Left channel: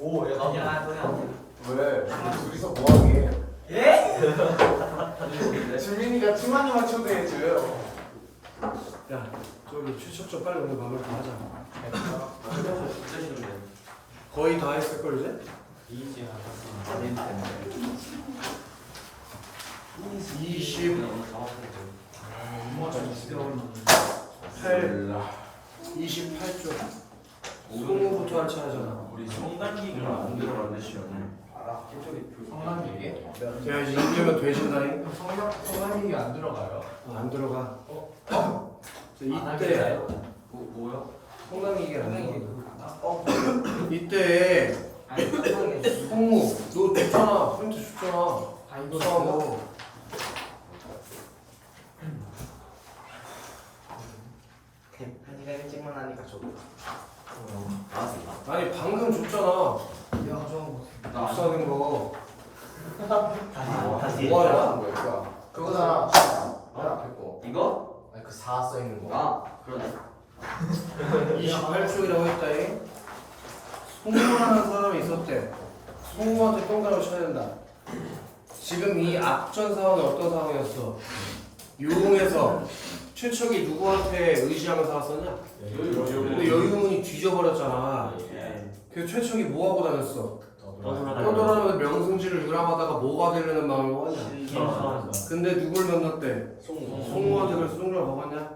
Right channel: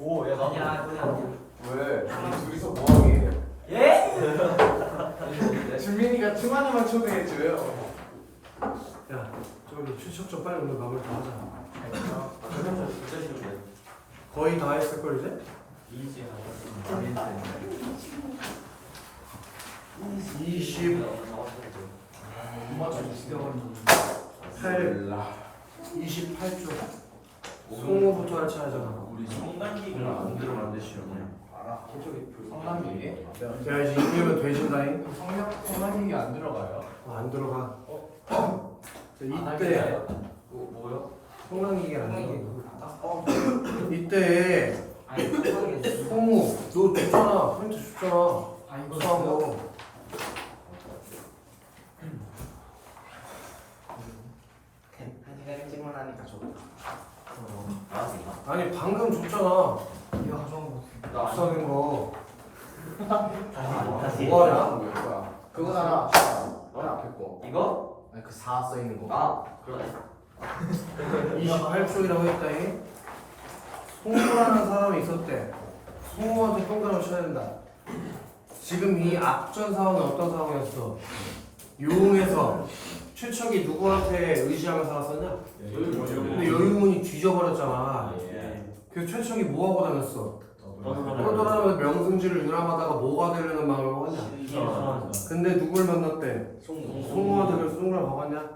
오, 야, 나도. 야, 소리 안 들려. 왜? 둘이서 뭐하게? 예? 준민이가 투마니만 초대해줘요. 야, 저기 추석 좀 빨리 오늘 마무리 다 하자. 진짜 싫은데. 거의 다 했을 걸 이제? 이제 하셨으면 20, 맞아. 8, 28조. 송우부터 같이 하잖아. 우리 성관기가 안 들어간대 시험에. 알아. 성함이 이게? 야, 이제 인기면 되신다잉. 성함이 안 들어가요? 안 들어가. 자, 안 이때 할까요? 뭐요? 성남이게 안 들어가. 이때 송우, 너 줬잖아. 프린트 줬잖아. 수한 거. 한시간 일찍만 하니까 좋다. 나왔습니다. 아니 방금 줬잖아. 내가 가져온 거. 나 비싸는 거. 다시. 뭐하냐? 뭐야? 그거잖아. 그 앞에 거. 이거? 아니 그 4 써있는 거. 아 그러네. 28쪽이라고 했다잉. 송우라는 사람이 있었대. 송우한테 동그라미 쳐야 된다. 지금 이 앞전 상황은 어떤 상황이었어? 유흥에서 최척이 누구한테 의지하면서 살았었냐? 근데 여유문이 뒤져버렸잖아. 그래서 최척이 뭐하고 다녔어? 떠돌아다니면서 명승지를 유람하다가 뭐가 되려는 마음을 먹었냐? 근데 누굴 만났대? 송우한테 그래서 동그라미 먹었냐?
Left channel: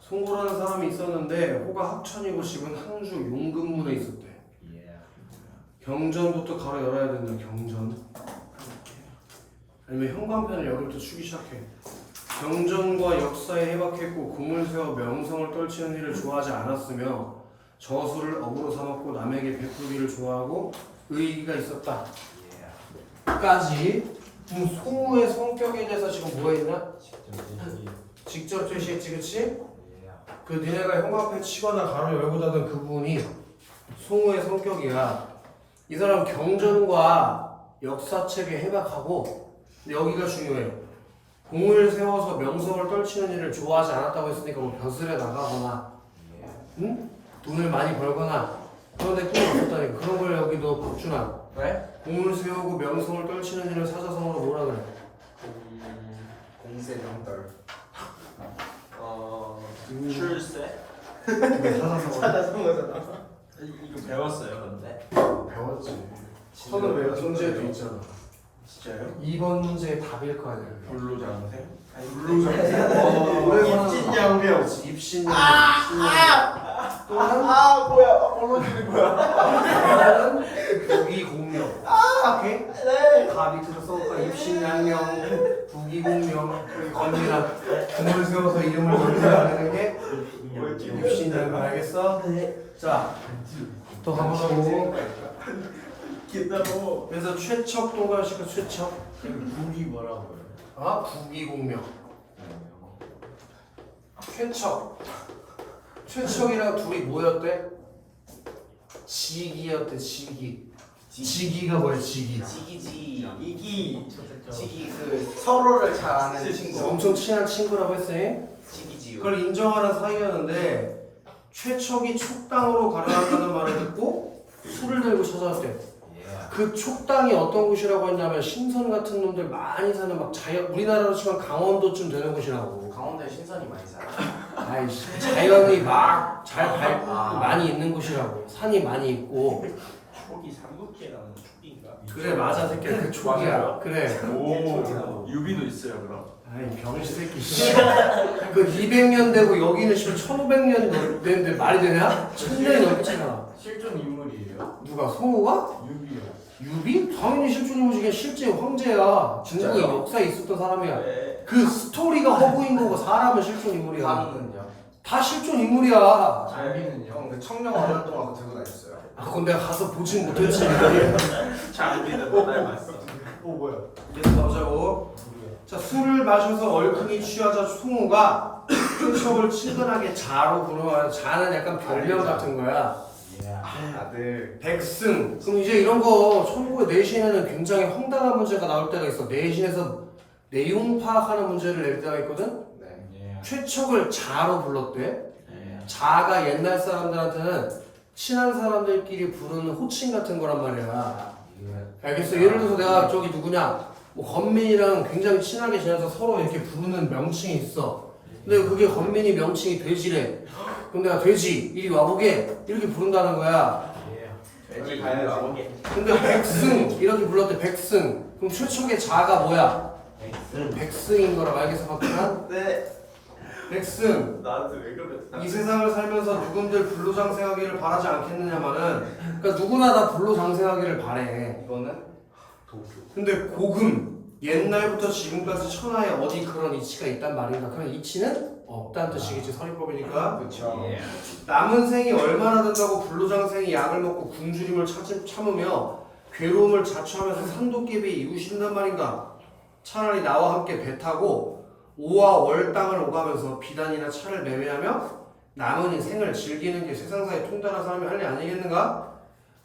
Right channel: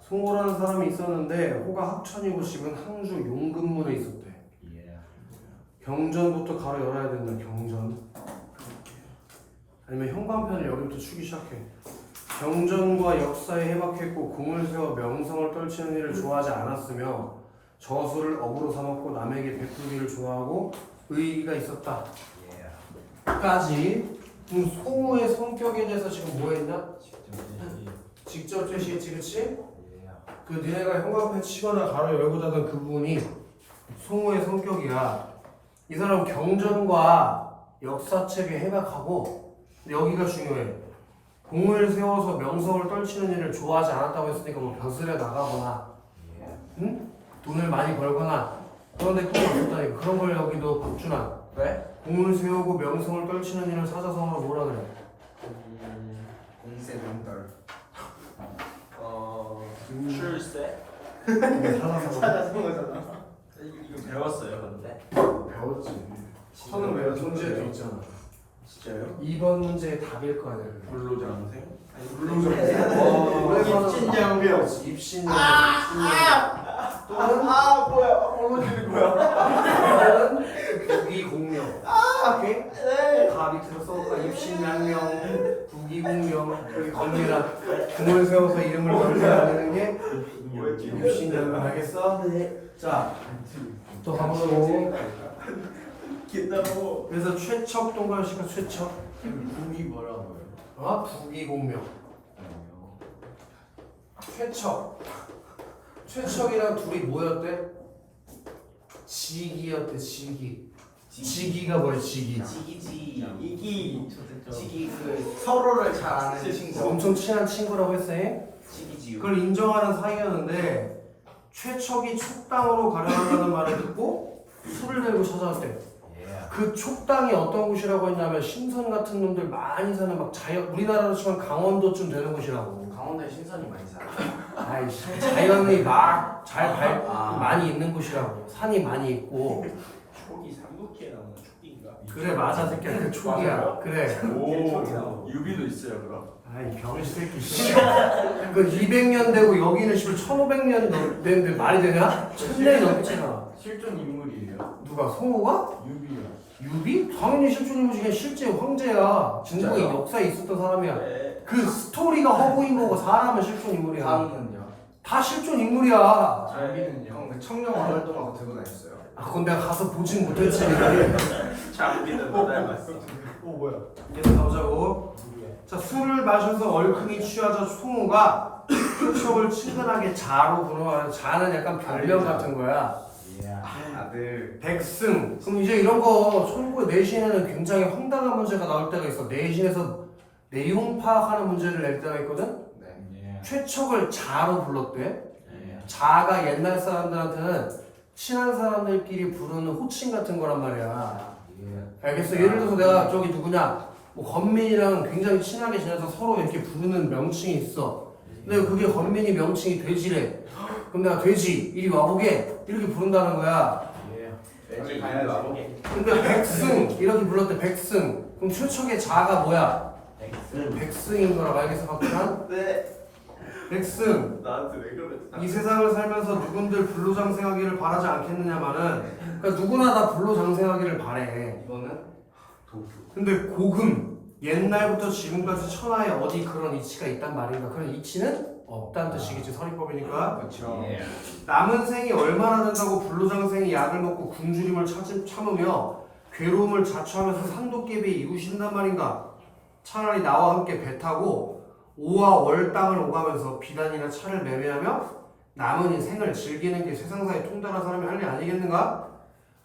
송우라는 사람이 있었는데 호가 학천이고 집은 항주 용근문에 있었대. 경전부터 가로 열어야 된다. 경전. 아니면 형광펜을 여기부터 추기 시작해. 경전과 역사에 해박했고 공을 세워 명성을 떨치는 일을 좋아하지 않았으며 저수를 업으로 삼았고 남에게 베풀기를 좋아하고 의의가 있었다. 까지. 송우의 성격에 대해서 지금 뭐 했냐? 직접 제시했지, 그치? 그 니네가 형광펜 치거나 가로 열고 닫은 그 부분이 송우의 성격이야. 이 사람 경전과 역사책에 해박하고 여기가 중요해. 공을 세워서 명성을 떨치는 일을 좋아하지 않았다고 했으니까 뭐 벼슬에 나가거나 응? 돈을 많이 벌거나 그런 데 꿈이 없었다니까. 그런 걸 여기도 박준환 왜? 공을 세우고 명성을 떨치는 일을 사자성어로 뭐라 그래? 공세 명떨. 출세? 이게 사자성어. 찾아성어잖아. 이거 배웠어요 근데. 배웠지. 선은 왜 문제도 있잖아. 진짜요? 2번 문제의 답일 거 아니야. 그게. 불로장생? 입신양명. 입신양. 뭐야? 얼른 거야? 또는 부기공명. 오케이? 가 밑에서 써볼까? 입신양명, 부기공명. 여기 겁니다. 공을 세워서 이름을 만들어내는 게 입신양명. 알겠어? 자, 또 가보자고. 기다려. 그래서 최척 동그라미니까 최척. 국이 뭐라고요? 아, 부기공명. 최척. 최척이랑 둘이 뭐였대? 지기였대. 지기. 지기가 뭐야? 지기. 지기지. 지기 그 서로를 잘 아는 친구. 엄청 친한 친구라고 했어. 지기지. 그걸 인정하는 사이였는데 최척이 촉당으로 가려 한다는 말을 듣고 술을 들고 찾아왔대. 그 촉당이 어떤 곳이라고 했냐면 신선 같은 놈들 많이 사는 막 우리나라로 치면 강원도쯤 되는 곳이라고. 강원도에 신선이 많이 살아. 아이씨, 자연이 막 많이 있는 곳이라고. 산이 많이 있고. 촉이 삼국지라는 촉인가? 그래 맞아 새끼야. 그 촉이야. 그래. 오 유비도 있어요 그럼. 아이 병신 새끼. 씨. 그 200년 되고 여기는 1500년 됐는데 말이 되냐? 1000년이 넘게 차이나. 실존 인물이에요. 누가 성우가? 유비요. 유비? 당연히 실존인물 중에 실제 황제야. 중국의 진짜요? 역사에 있었던 사람이야. 네. 그 스토리가 허구인 거고 사람은 실존 인물이야. 가루는요? 다 실존 인물이야. 장비는요? 형 그 청룡 활동하고 들고 다녔어요. 아 그건 내가 가서 보진 못했지. 장비는 못 닮았어. 오 뭐야? 계속 가보자고. 자, 술을 마셔서 얼큰이 취하자 송우가 표척을 친근하게 자로 부르면 자는 약간 별명 같은 거야. 아들. 백승. 그럼 이제 이런 거 천국의 내신에는 굉장히 황당한 문제가 나올 때가 있어. 내신에서 내용 파악하는 문제를 낼 때가 있거든. 네. 최척을 자로 불렀대. 자가 옛날 사람들한테는 친한 사람들끼리 부르는 호칭 같은 거란 말이야. 알겠어? 예를 들어서 내가 저기 누구냐 뭐 건민이랑 굉장히 친하게 지내서 서로 이렇게 부르는 명칭이 있어. 근데 그게 건민이 명칭이 돼지래. 그럼 내가 돼지 이리 와보게 이렇게 부른다는 거야. 돼지 가야 와보게. 근데 백승 이렇게 불렀대. 백승. 그럼 최초의 자가 뭐야? 백승인 거라고 알겠어 박준환? 네. 백승. 나한테 왜 그랬어? 이 세상을 살면서 누군들 불로장생하기를 바라지 않겠느냐마는 그러니까 누구나 다 불로장생하기를 바래. 이거는 근데 고금 옛날부터 지금까지 천하에 어디 그런 이치가 있단 말인가? 그런 이치는 없다는 뜻이겠지 서리법이니까. 그렇죠. 남은 생이 얼마나 된다고 불로장생이 약을 먹고 굶주림을 참으며 괴로움을 자초하면서 산도깨비에 이구신단 말인가? 차라리 나와 함께 배 타고 오와 월 땅을 오가면서 비단이나 차를 매매하며 남은 인생을 즐기는 게 세상사에 통달한 사람이 할 일 아니겠는가?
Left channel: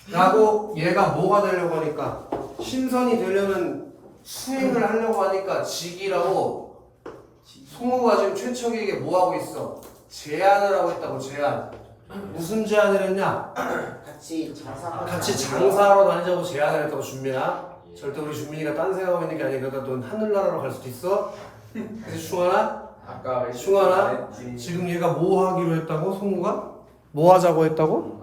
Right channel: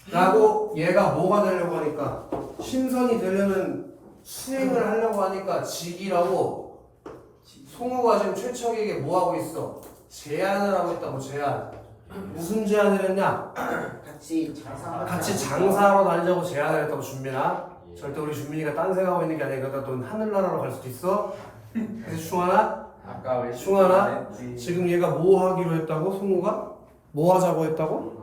라고 얘가 뭐가 되려고 하니까 신선이 되려는 수행을 하려고 하니까 직이라고 송우가 지금 최척에게 뭐 하고 있어? 제안을 하고 있다고. 제안. 무슨 제안을 했냐? 같이 장사하러 다니자고 제안을 했다고. 준민아 절대 우리 준민이가 딴 생각하고 있는 게 아니야. 그러니까 넌 하늘나라로 갈 수도 있어. 그래서 충환아 아까 왜 충환아 지금 얘가 뭐 하기로 했다고? 송우가? 뭐 하자고 했다고?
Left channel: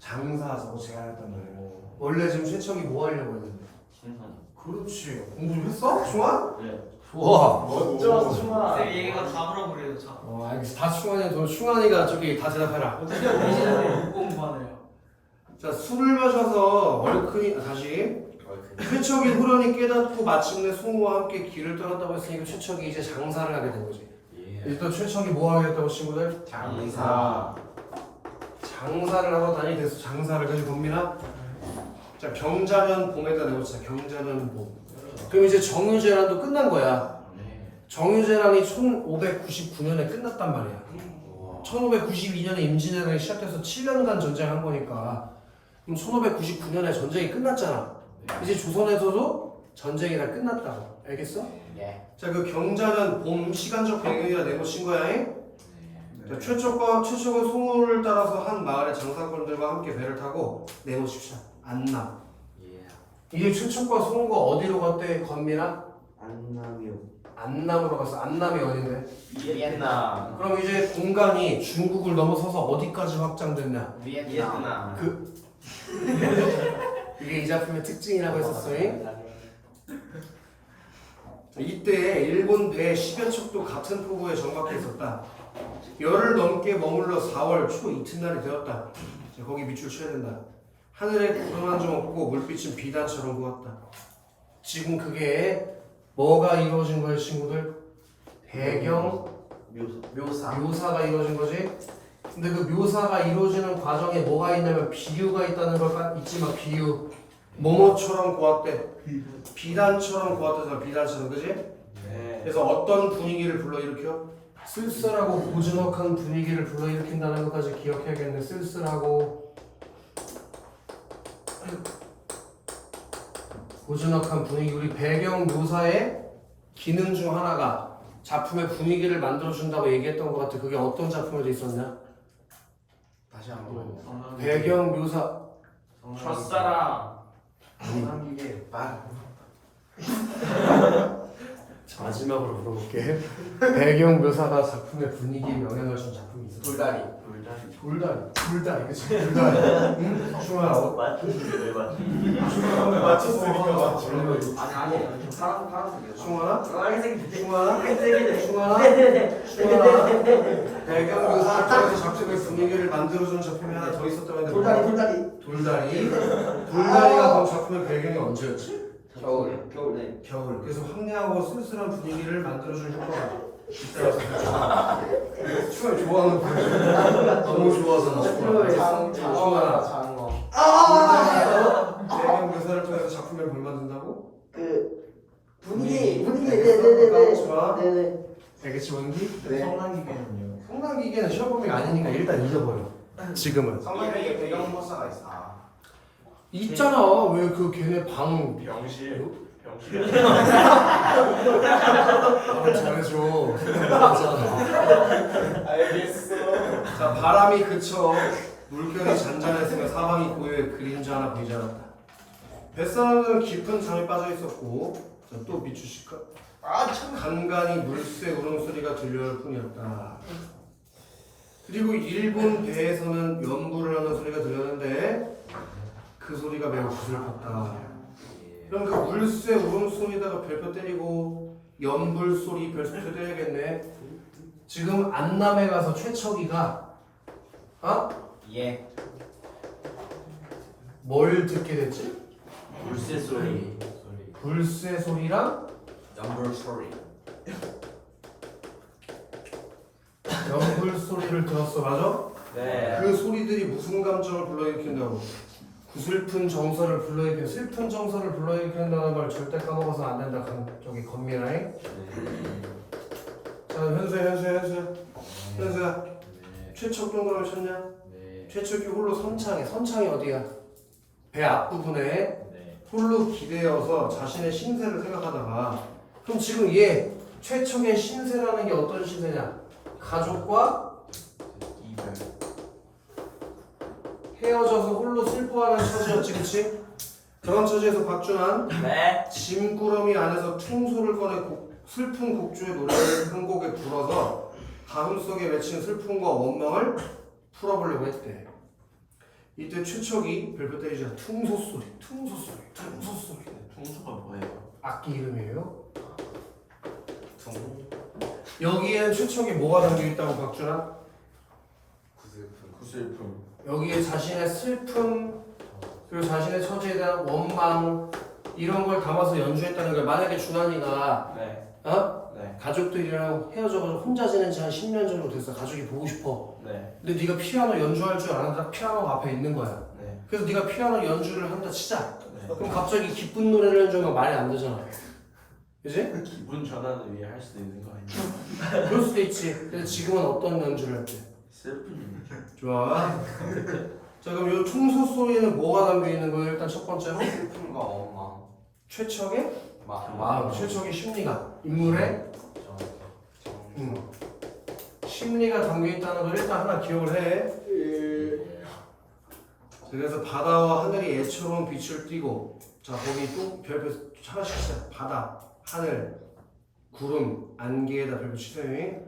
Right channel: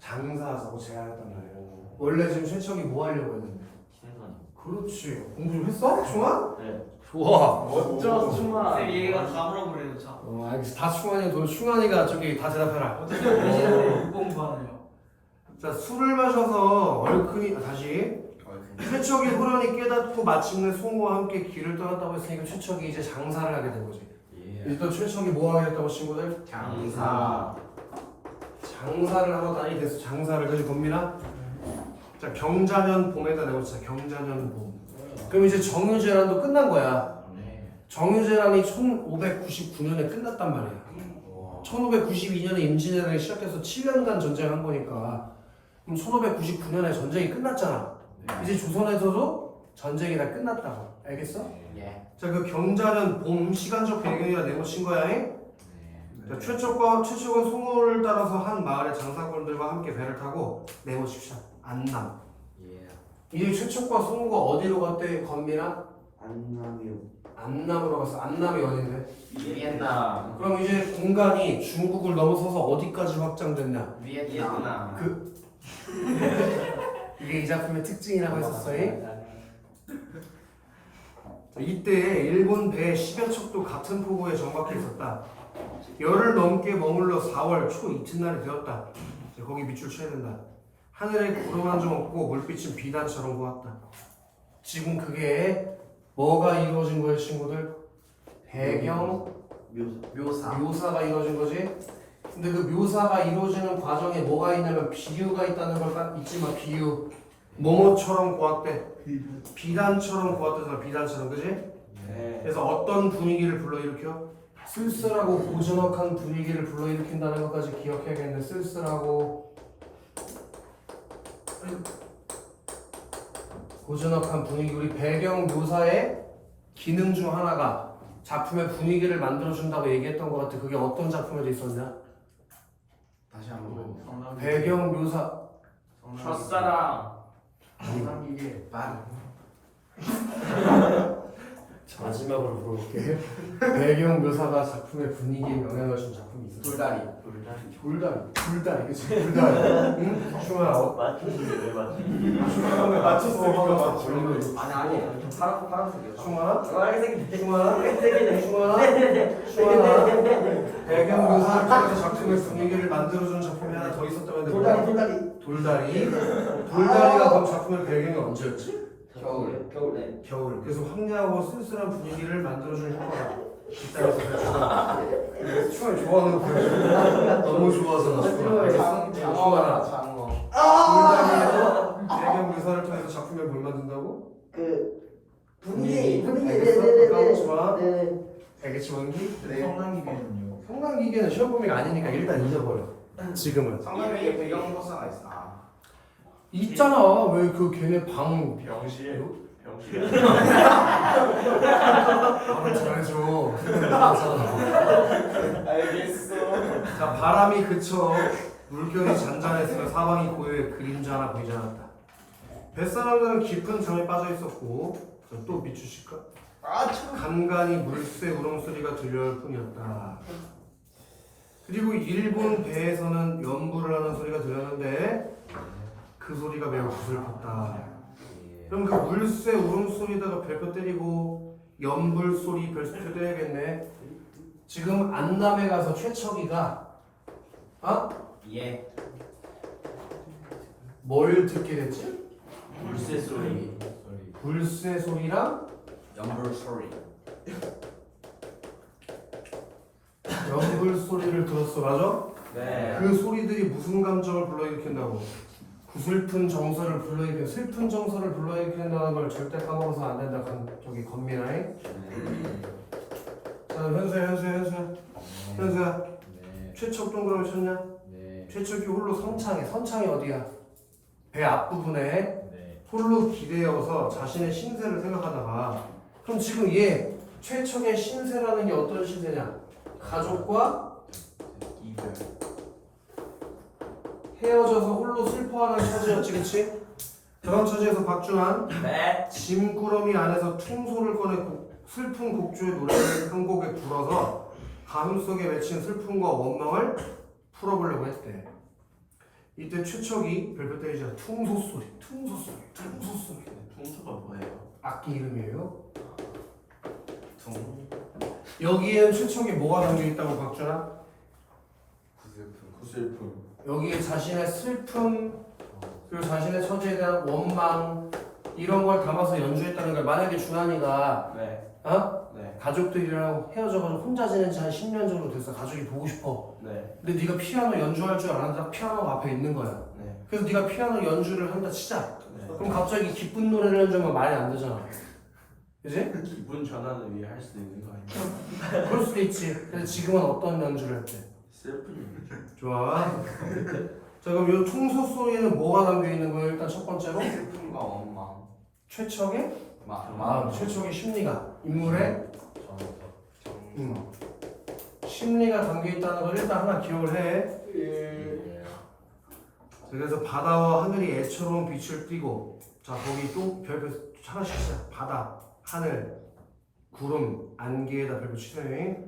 장사하자고 제안했단 말이에요. 원래 지금 최척이 뭐 하려고 했는데? 그렇지. 공부 좀 했어? 충환? 네. 좋아. 어쩌라고 충아. 얘가 다 물어버려요 저. 알겠어. 다 충환이야. 너 충환이가 저기 다 대답해라. 못 공부하네요. 자, 술을 마셔서 얼큰이 다시 최척이 후련히 깨닫고 마침내 송우와 함께 길을 떠났다고 했으니까 최척이 이제 장사를 하게 된 거지. 이제 또 최척이 뭐 하겠다고 친구들? 장사. 장사를 하러 다니게 됐어. 장사를. 그지 범민아? 자, 경자년 봄에다 내고자. 경자년 봄. 그럼 이제 정유재란도 끝난 거야. 정유재란이 1599년에 끝났단 말이야. 1592년에 임진왜란이 시작해서 7년간 전쟁한 거니까 그럼 1599년에 전쟁이 끝났잖아. 이제 조선에서도 전쟁이 다 끝났다고. 알겠어? 자, 그 경자년 봄 시간적 배경이라 내놓친 거야. 자, 최초가 송우를 따라서 한 마을의 장사꾼들과 함께 배를 타고 내모십시오. 안남. 이제 최초과 송우가 어디로 갔대? 건민아? 안남으로 갔어. 안남이 어딘데? 비엔나. 그럼 이제 공간이 중국을 넘어서서 어디까지 확장됐냐? 비엔나. 이게 이 작품의 특징이라고 했었어요. 이때 일본 배 10여 척도 같은 포구에 정박해 있었다. 열흘 넘게 머물러 4월 초 이튿날이 되었다. 자, 거기 밑줄 쳐야 된다. 하늘에 구름 한 점 없고 물빛은 비단처럼 보았다. 지금 그게 뭐가 이루어진 거예요, 친구들? 배경 묘사가 이루어진 거지. 근데 그 묘사가 이루어지는 과정에 뭐가 있냐면 비유가 있다는 걸 잊지마. 비유. 뭐뭐처럼 보았대. 비단처럼 보았다잖아. 비단처럼. 그지? 그래서 어떤 분위기를 불러일으켜? 쓸쓸하고 고즈넉한 분위기를 불러일으킨다는 것까지 기억해야겠는데, 쓸쓸하고 고즈넉한 분위기. 우리 배경 묘사의 기능 중 하나가 작품의 분위기를 만들어준다고 얘기했던 것 같아. 그게 어떤 작품에도 있었냐? 다시 한번. 배경 묘사. 첫사랑. 아니 이게 마지막으로 물어볼게. 배경 묘사가 작품의 분위기에 영향을 준 작품이 있어. 돌다리. 불다리. 그치? 불다리. 응? 충분하고. 맞췄으니까 아니. 파란색이요. 충분하? 빨간색이. 충분하? 배경 묘사를 통해서 작품의 분위기를 만들어주는 작품이 하나 더 있었다고 했는데 돌다리가 그럼 작품의 배경이 언제였지? 겨울. 그래서 황량하고 쓸쓸한 분위기를 만들어주는 효과가 있다고. 추월 좋아하는 거야. 너무 좋아서. 장어. 돌다리에서 배경 묘사를 통해서 작품에 뭘 만든다고? 분위기 까먹지 마. 네네. 알겠지 원기? 성난기계는요. 성난기계는 시험 범위가 아니니까 일단 잊어버려. 지금은. 성난기계 배경모사가 있어. 있잖아. 왜 그 걔네 방 병실. 말을 잘해줘. 알겠어. 자, 바람이 그쳐 물결이 잔잔했으며 사방이 고요해 그림자 하나 보이지 않았다. 뱃사람들은 깊은 잠에 빠져 있었고, 자, 또 비추실까? 간간히 물새 울음소리가 들려올 뿐이었다. 그리고 일본 배에서는 연불을 하는 소리가 들렸는데 그 소리가 매우 구슬펐다. 그럼 그 물새 울음소리다가 별표 때리고 연불 소리 별표 때려야겠네. 지금 안남에 가서 최척이가 예. 뭘 듣게 됐지? 물새 소리. 불새 소리랑 연불 소리. 연불 소리를 들었어, 맞아? 네. 그 소리들이 무슨 감정을 불러일으킨다고? 구슬픈 정서를 불러일으켜. 슬픈 정서를 불러일으킨다는 걸 절대 까먹어서 안 된다. 저기 건미라잉. 자, 현수야. 최척 동그라미 쳤냐? 최척이 홀로 선창이 어디야? 배 앞부분에 홀로 기대어서 자신의 신세를 생각하다가, 그럼 지금 얘 최척의 신세라는 게 어떤 신세냐? 가족과 이별. 헤어져서 홀로 슬퍼하는 처지였지, 그치? 그런 처지에서 박준환 네. 짐꾸러미 안에서 퉁소를 꺼내 슬픈 곡조의 노래를 한 곡에 불어서 가슴속에 맺힌 슬픔과 원망을 풀어보려고 했대. 이때 최척이 별표 때리자 퉁소소리. 통수가 뭐예요? 악기 이름이에요. 여기엔 최척이 뭐가 담겨있다고 박준환? 구슬픔. 여기에 자신의 슬픔 그리고 자신의 처지에 대한 원망 이런 걸 담아서 연주했다는 거야. 만약에 준환이가 네. 네. 가족들이랑 헤어져가지고 혼자 지낸 지 한 10년 정도 됐어. 가족이 보고 싶어. 네. 근데 네가 피아노 연주할 줄 아는데 피아노가 앞에 있는 거야. 네. 그래서 네가 피아노 연주를 한다 치자. 네. 그럼 갑자기 기쁜 노래를 해주면 말이 안 되잖아. 그지? 기분 전환을 위해 할 수도 있는 거 아니에요? 그럴 수도 있지. 근데 지금은 어떤 연주를 할지. 슬픈. 좋아. 자, 그럼 이 퉁소 소리에는 뭐가 담겨 있는 거예요? 일단 첫 번째로 슬픔과 원망. 최척의 마음. 최척의 심리가 인물의 심리가 담겨 있다는 걸 일단 하나 기억을 해. 그래서 바다와 하늘이 애처로운 빛을 띠고, 자 거기 또 별표 하나씩 쳐. 바다, 하늘, 구름, 안개에다 별표 치세요.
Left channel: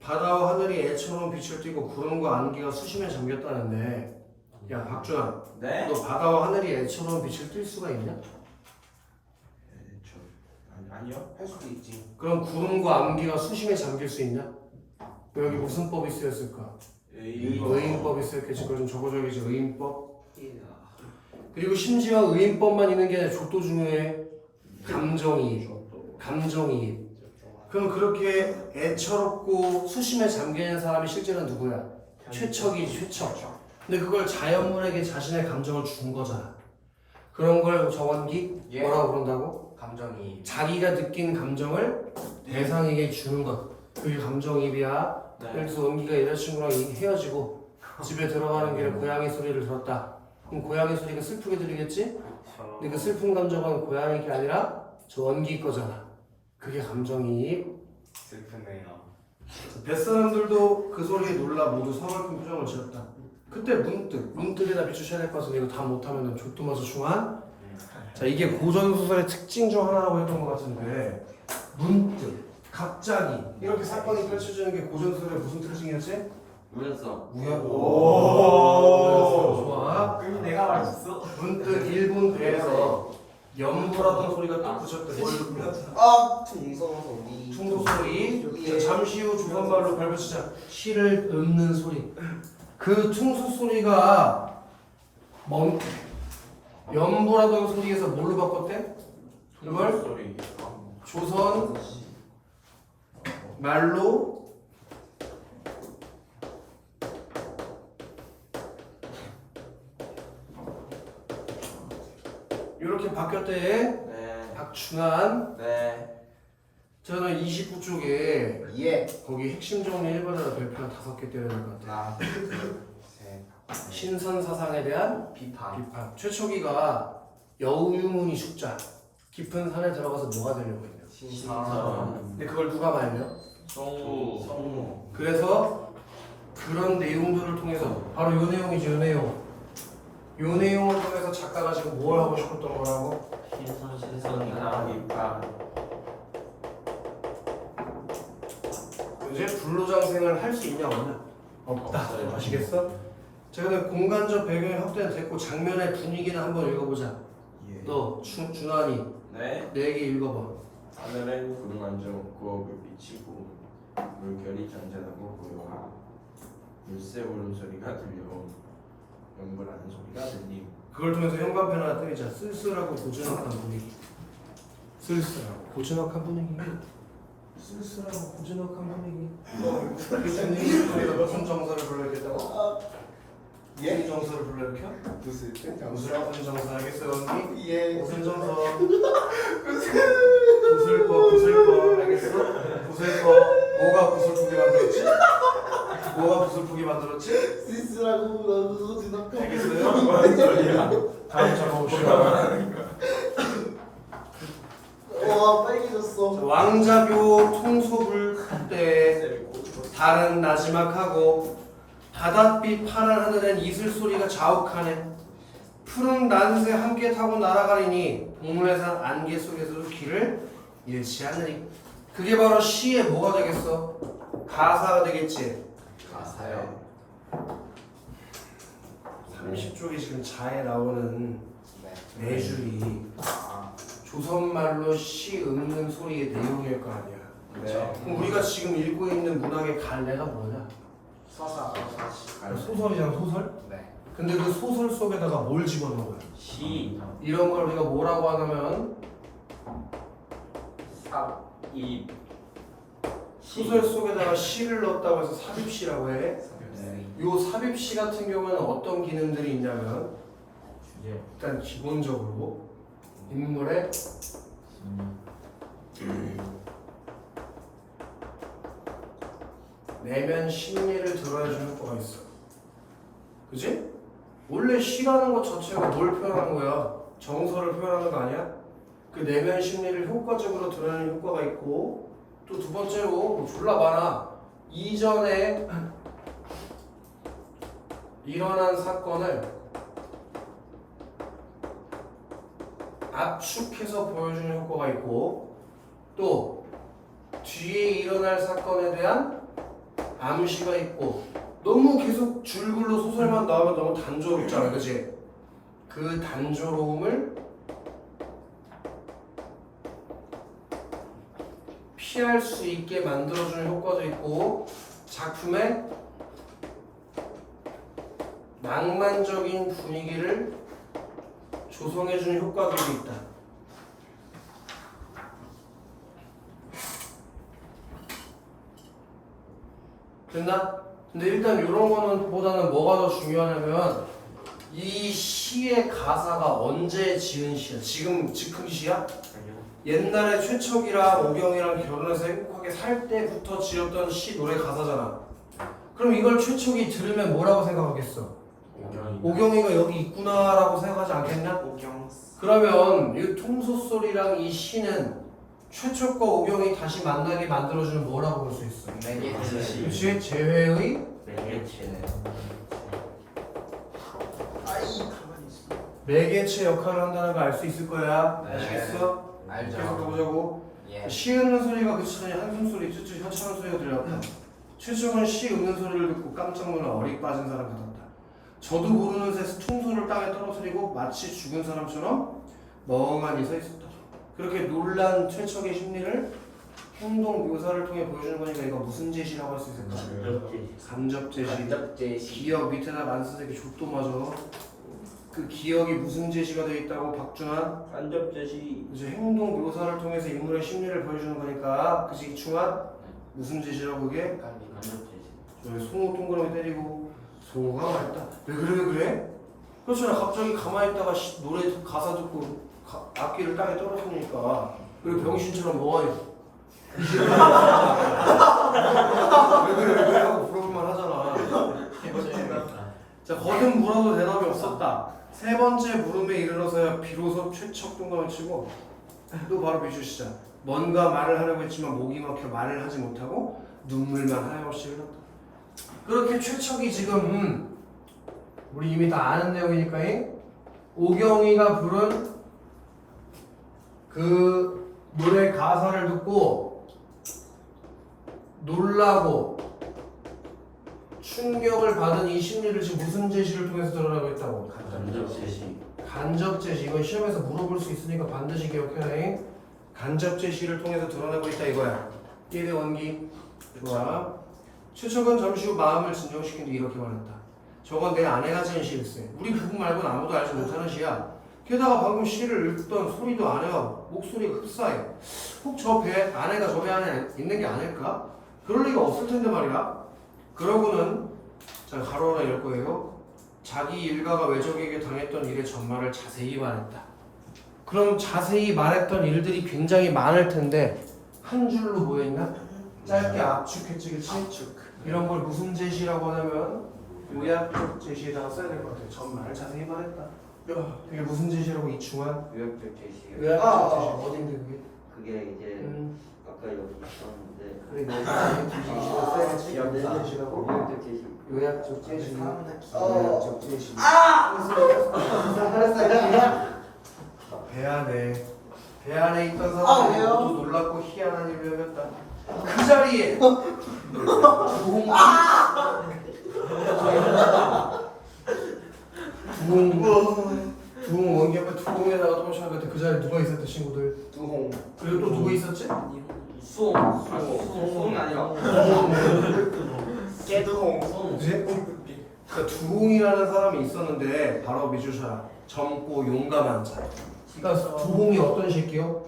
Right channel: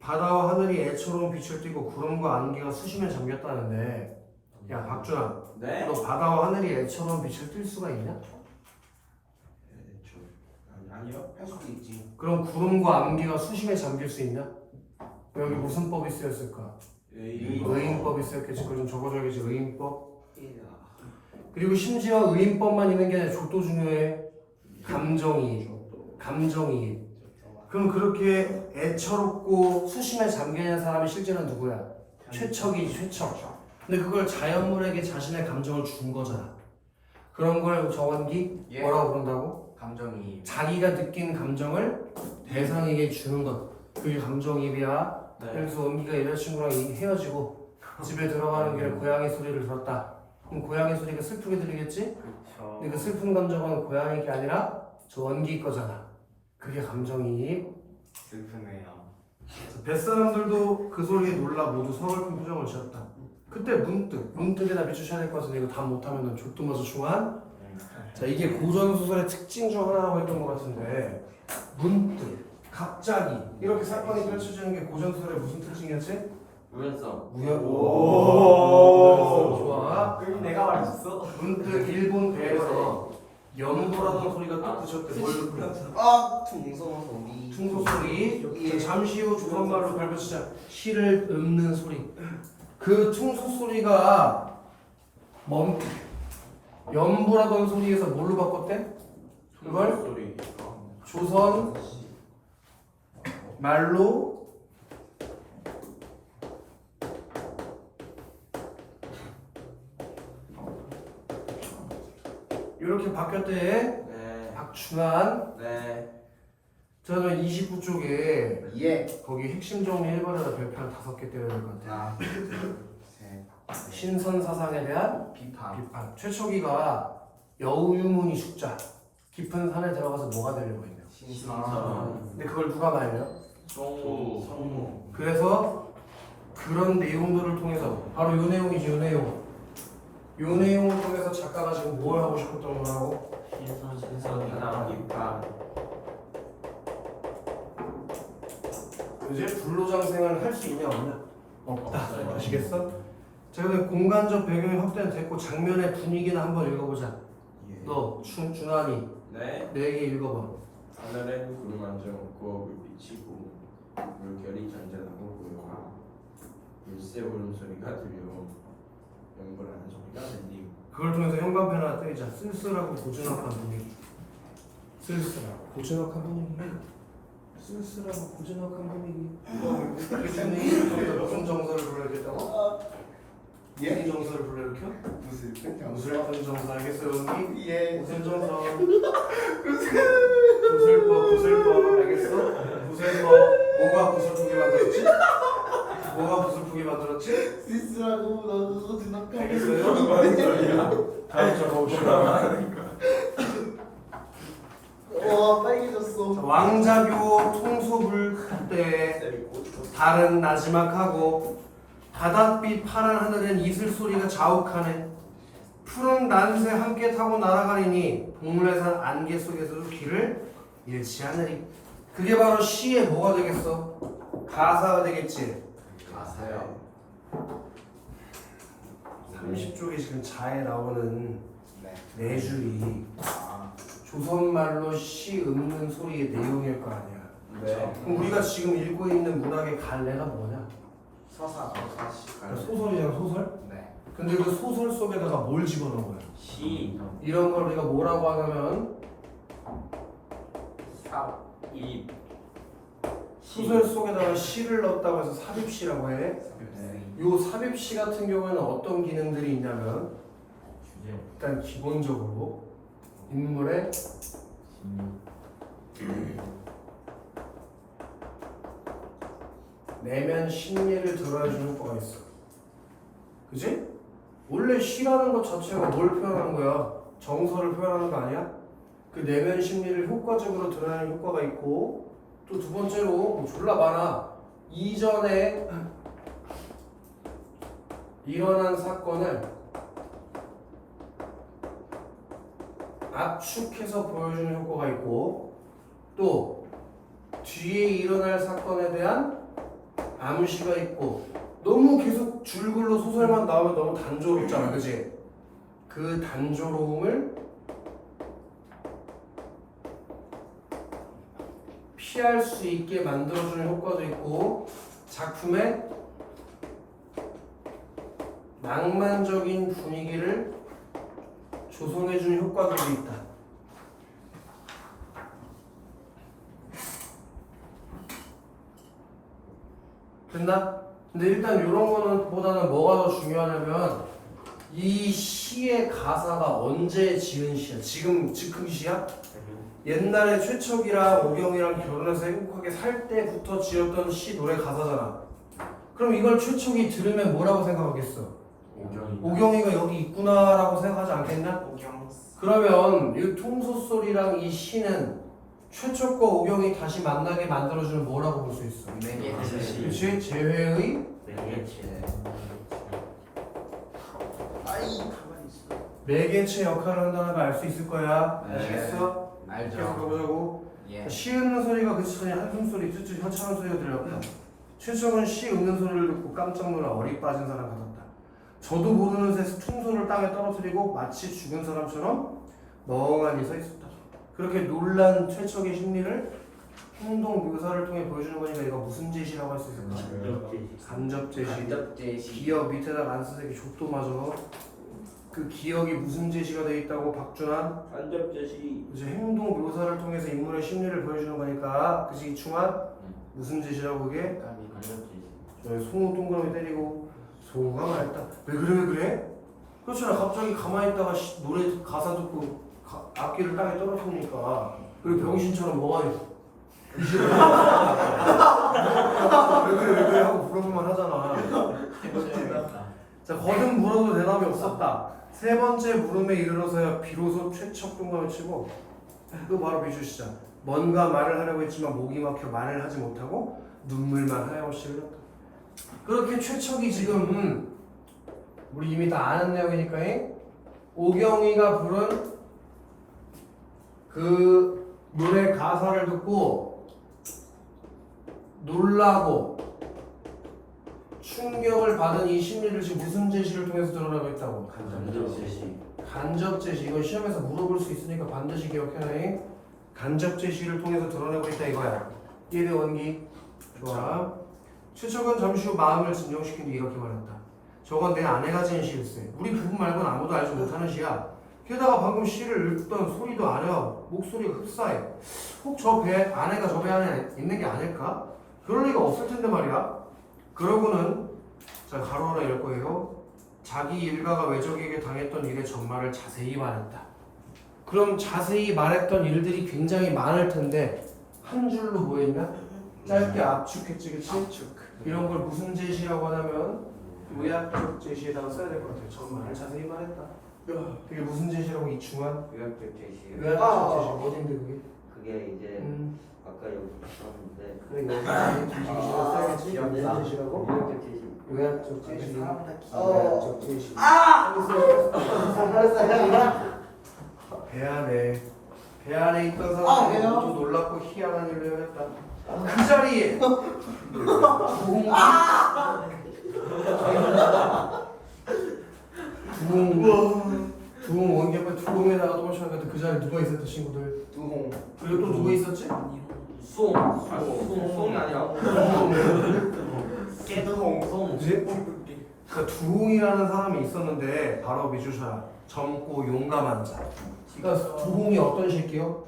바다와 하늘이 애처로운 빛을 띠고 구름과 안개가 수심에 잠겼다는데, 야 박준아, 네. 너 바다와 하늘이 애처로운 빛을 띨 수가 있냐? 아니요. 할 수도 있지. 그럼 구름과 안개가 수심에 잠길 수 있냐? 여기 무슨 법이 쓰였을까? 의인법이 쓰였겠지. 그걸 좀 적어줘야겠지. 의인법. 그리고 심지어 의인법만 있는 게 아니라 족도 중요해. 감정이. 그럼 그렇게 애처롭고 수심에 잠겨있는 사람이 실제로는 누구야? 최척이지, 최척. 근데 그걸 자연물에게 자신의 감정을 준 거잖아. 그런 걸 정원기 뭐라고 부른다고? 감정이. 자기가 느낀 감정을 대상에게 주는 것. 그게 감정이입이야. 네. 여기서 원기가 여자친구랑 헤어지고 집에 들어가는 길에 고양이 소리를 들었다. 그럼 고양이 소리가 슬프게 들리겠지? 근데 그 슬픈 감정은 고양이 게 아니라 저 원기 거잖아. 그게 감정이입. 슬프네요. 뱃사람들도 그 소리에 놀라 모두 서글픈 표정을 지었다. 그때 문득에다 비추셔야 될 것 같은데 이거 다 못하면 족두마저 중한. 자, 이게 고전소설의 특징 중 하나라고 했던 것 같은데, 문득, 갑자기 이렇게 사건이 펼쳐지는 게 고전소설의 무슨 특징이었지? 우연성. 우연성. 좋아. 그럼 내가 말했어. 문득 일본 배에서 연보라던 소리가 딱 그쳤대. 퉁소소리. 퉁소소리. 잠시 후 조선말로 발표치자 시를 읊는 소리. 그 퉁소소리가 연보라던 소리에서 뭘로 바꿨대? 그걸 소리. 조선 말로 이렇게 바뀌었대. 네. 박준환. 네. 저는 29쪽에 예. 거기 핵심 정리 1번에다 별표 한 5개 때려야 될 것 같아요. 하나, 둘, 셋. 신선 사상에 대한 비판. 비판. 최초기가 여우유문이 숙자. 깊은 산에 들어가서 뭐가 되려고 했냐. 신선. 근데 그걸 누가 말려? 성우. 그래서 그런 내용들을 통해서 바로 요 내용이지 요 내용. 요 내용을 통해서 작가가 지금 뭘 하고 싶었던 거라고? 신선이나 입학. 이제 불로장생을 할 수 있냐 없냐? 없다. 아시겠어? 자, 그다음 공간적 배경의 확대는 됐고 장면의 분위기는 한번 읽어보자. 예. 너 준환이 네. 내 얘기 읽어봐. 하늘엔 구름 한 점 없고 불빛이 고 물결이 잔잔하고 고요하고 일세 울음소리가 들려 연불하는 소리가 들림. 그걸 통해서 현관펜 하나 때리자. 쓸쓸하고 고즈넉한 분위기. 쓸쓸하고 고즈넉한 분위기. 쓸쓸하고 고즈넉한 분위기. 이 분위기 무슨 정서를 불러야겠다고? 무슨 정서를 불러일으켜? 무슨 정서 알겠어 연기? 예. 무슨 정서? 구슬퍼 알겠어? 구슬퍼 뭐가 구슬프게 만들었지? 뭐가 구슬프게 만들었지? 쓸쓸하고 나도 지나가. 알겠어요? 다음 절 봅시다. 와 빨개졌어. 자, 왕자교 통소불때 달은 나지막하고 바닷빛 파란 하늘엔 이슬 소리가 자욱하네. 푸른 난새 함께 타고 날아가리니 동물의산 안개 속에서도 길을 잃지 않으리. 그게 바로 시의 뭐가 되겠어? 가사가 되겠지. 가사요. 30쪽이 지금 자에 나오는 네. 네 줄이 조선말로 시 읊는 소리의 내용일 거 아니야. 네. 그럼 우리가 지금 읽고 있는 문학의 갈래가 뭐냐? 서사. 소설이잖아, 소설? 네. 근데 그 소설 속에다가 뭘 집어넣어요? 시. 이런 걸 우리가 뭐라고 하냐면 이. 소설 속에다가 시를 넣었다고 해서 삽입시라고 해. 네. 요 삽입시 같은 경우에는 어떤 기능들이 있냐면 주제. 일단 기본적으로 인물의 내면 심리를 드러내주는 효과가 있어. 그지? 원래 시라는 것 자체가 뭘 표현하는 거야? 정서를 표현하는 거 아니야? 그 내면 심리를 효과적으로 드러내는 효과가 있고, 또 두 번째로 뭐 졸라 많아. 이전에 일어난 사건을 압축해서 보여주는 효과가 있고, 또 뒤에 일어날 사건에 대한 암시가 있고. 너무 계속 줄글로 소설만 나오면 너무 단조롭잖아, 그치? 그 단조로움을 피할 수 있게 만들어주는 효과도 있고, 작품의 낭만적인 분위기를 조성해주는 효과들도 있다. 됐나? 근데 일단 이런 거는 보다는 뭐가 더 중요하냐면 이 시의 가사가 언제 지은 시야? 지금 즉흥 시야? 옛날에 최척이랑 오경이랑 결혼해서 행복하게 살 때부터 지었던 시 노래 가사잖아. 그럼 이걸 최척이 들으면 뭐라고 생각하겠어? 오경이가 여기 있구나라고 생각하지 않겠냐? 오경. 그러면 이 통소소리랑 이 시는 최척과 오경이 다시 만나게 만들어주는 뭐라고 볼 수 있어? 매개체. 그렇지? 재회의 매개체. 아이 가만히 있어. 매개체 역할을 한다는 거 알 수 있을 거야. 네. 아시겠어? 알죠. 계속 가보자고. 예. 시 읊는 소리가 그치더니 한숨 소리, 쭈쭈 현창한 소리가 들렸다. 최초는 시 읊는 소리를 듣고 깜짝 놀라 어리 빠진 사람 같았다. 저도 모르는 새 퉁소를 땅에 떨어뜨리고 마치 죽은 사람처럼 멍하니 서 있었다. 그렇게 놀란 최척의 심리를 행동 묘사를 통해 보여주는 거니까 이거 무슨 제시라고 할 수 있을까? 간접 제시. 간접 제시. 기억 밑에다 난스색이 족도 맞아. 그 기억이 무슨 제시가 돼 있다고 박준환? 간접 제시. 이제 행동 묘사를 통해서 인물의 심리를 보여주는 거니까 그지 충환? 무슨 제시라고 그게? 간접 제시. 저희 송우 동그라미 때리고 송우가 말했다. 왜 그래? 그렇잖아. 갑자기 가만히 있다가 노래 가사 듣고 악기를 땅에 떨어뜨리니까 그리고 병신처럼 뭐가 있어? 왜 그래 하고 물어보면 하잖아. 자, 거듭 물어도 대답이 없었다. 세 번째 물음에 이르러서야 비로소 최척 동감을 치고 또 바로 비추시자. 뭔가 말을 하려고 했지만 목이 막혀 말을 하지 못하고 눈물만 하염없이 흘렀다. 그렇게 최척이 지금 우리 이미 다 아는 내용이니까 오경이가 부른 그 노래 가사를 듣고 놀라고 충격을 받은 이 심리를 지금 무슨 제시를 통해서 드러내고 있다고? 간접 제시. 간접 제시. 이건 시험에서 물어볼 수 있으니까 반드시 기억해야 간접 제시를 통해서 드러내고 있다 이거야. 이해돼 원기? 좋아. 추척은 잠시 후 마음을 진정시킨 뒤 이렇게 말했다. 저건 내 아내가 지은 시일세. 우리 부부 말고는 아무도 알지 못하는 시야. 게다가 방금 시를 읽던 소리도 아내와 목소리가 흡사해. 혹 저 배 아내가 저 배 안에 있는 게 아닐까? 그럴 리가 없을 텐데 말이야. 그러고는 자 가로 하나 열 거예요. 자기 일가가 외적에게 당했던 일의 전말을 자세히 말했다. 그럼 자세히 말했던 일들이 굉장히 많을 텐데 한 줄로 뭐였나? 짧게 압축했지, 그치? 압축. 이런 걸 무슨 제시라고 하냐면 요약적 제시에다가 써야 될 것 같아요. 전말을 자세히 말했다. 그게 무슨 제시라고 이충한? 요약적 제시요. 요약적 제시 어딘데 그게? 그게 이제 아까 여기 있었는데 그래 여기 제시를 써야지. 기억나. 제시라고? 요약적 제시. 요약적 제시. 사람은 다 요약적 제시. 배 안에 있던 사람들이 왜요? 모두 놀랍고 희한한 일을 해냈다. 그 자리에 두홍 원기가 두홍에다가 또 마찬가지 그 자리에 누가 있었대 친구들? 두홍. 그리고 또 누가 있었지? 송. 송이 아니라 깨두홍. 그지? 그러니까 두홍이라는 사람이 있었는데 바로 미주샤 젊고 용감한 자. 그러니까 두홍이 어떤 새끼요?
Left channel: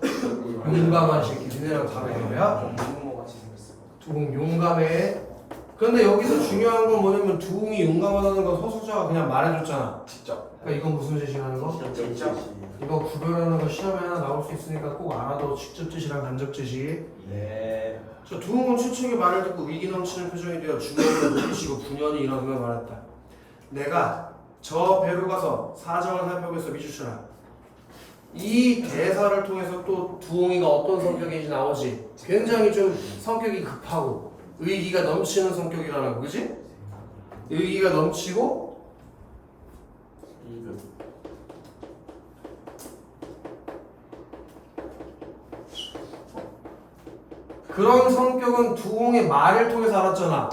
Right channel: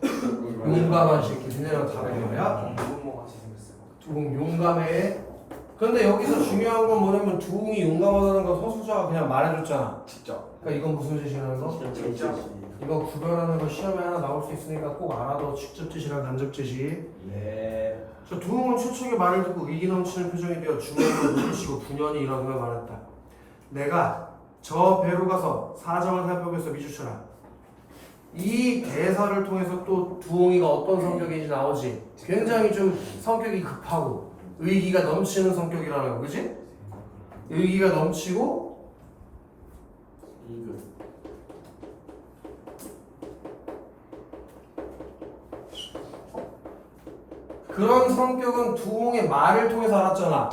용감한 새끼. 니네랑 다른 거야? 유모같이 생겼어. 두홍 용감해. 그런데 여기서 중요한 건 뭐냐면 두홍이 용감하다는 거 서수자가 그냥 말해줬잖아. 직접. 그러니까 이건 무슨 제시라는 거? 제시. 이거 구별하는 거 시험에 하나 나올 수 있으니까 꼭 알아둬. 직접 제시랑 간접 제시. 예. 저 두홍은 최초의 말을 듣고 위기 넘치는 표정이 되어 주먹을 물리치고 분연히 일어나며 말했다. 내가 저 배로 가서 사정을 살펴보겠어 미주철아. 이 대사를 통해서 또 두홍이가 어떤 성격인지 나오지. 굉장히 좀 성격이 급하고 의기가 넘치는 성격이라는 거, 그지? 의기가 넘치고 그런 성격은 두홍의 말을 통해서 알았잖아.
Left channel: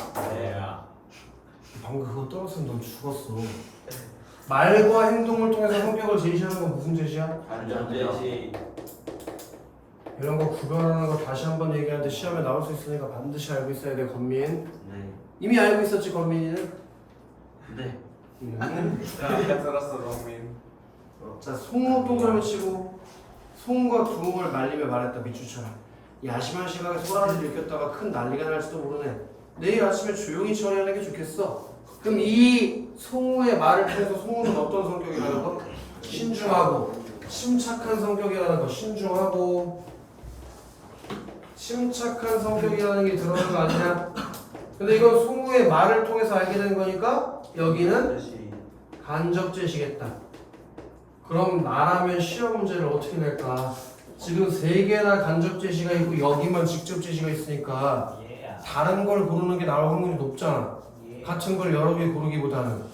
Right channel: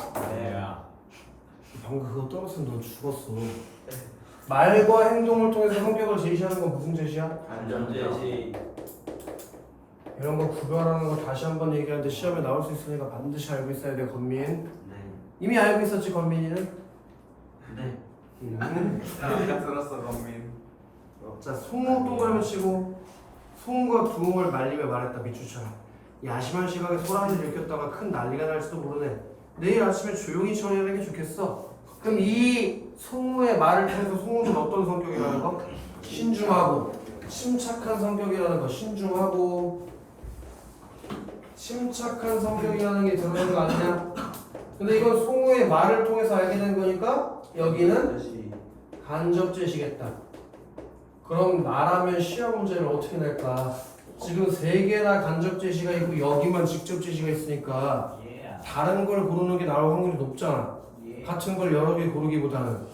방금 그거 떨었으면 넌 죽었어. 말과 행동을 통해서 성격을 제시하는 건 무슨 제시야? 간접 제시. 이런 거 구별하는 거 다시 한번 얘기하는데 시험에 나올 수 있으니까 반드시 알고 있어야 돼. 건민 네. 이미 알고 있었지 건민이는? 네. 내가 들었어 범민. 자 송우 동그라미 치고 송우가 두홍을 말리며 말했다. 미추처럼 야심한 시각에 소란을 일으켰다가 큰 난리가 날지도 모르네. 내일 아침에 조용히 처리하는 게 좋겠어. 그럼 이 송우의 말을 통해서 송우는 어떤 성격이라는 거? 신중하고 침착한 성격이라는 거. 신중하고 침착한 성격이라는 게 들어오는 거 아니냐? 근데 이건 송우의 말을 통해서 알게 된 거니까 여기는 제시. 간접 제시겠다. 그럼 나라면 시험 문제를 어떻게 낼까? 지금 3개나 간접 제시가 있고 여기만 직접 제시가 있으니까 다른 걸 고르는 게 나올 확률이 높잖아. 같은 걸 여러 개 고르기보다는.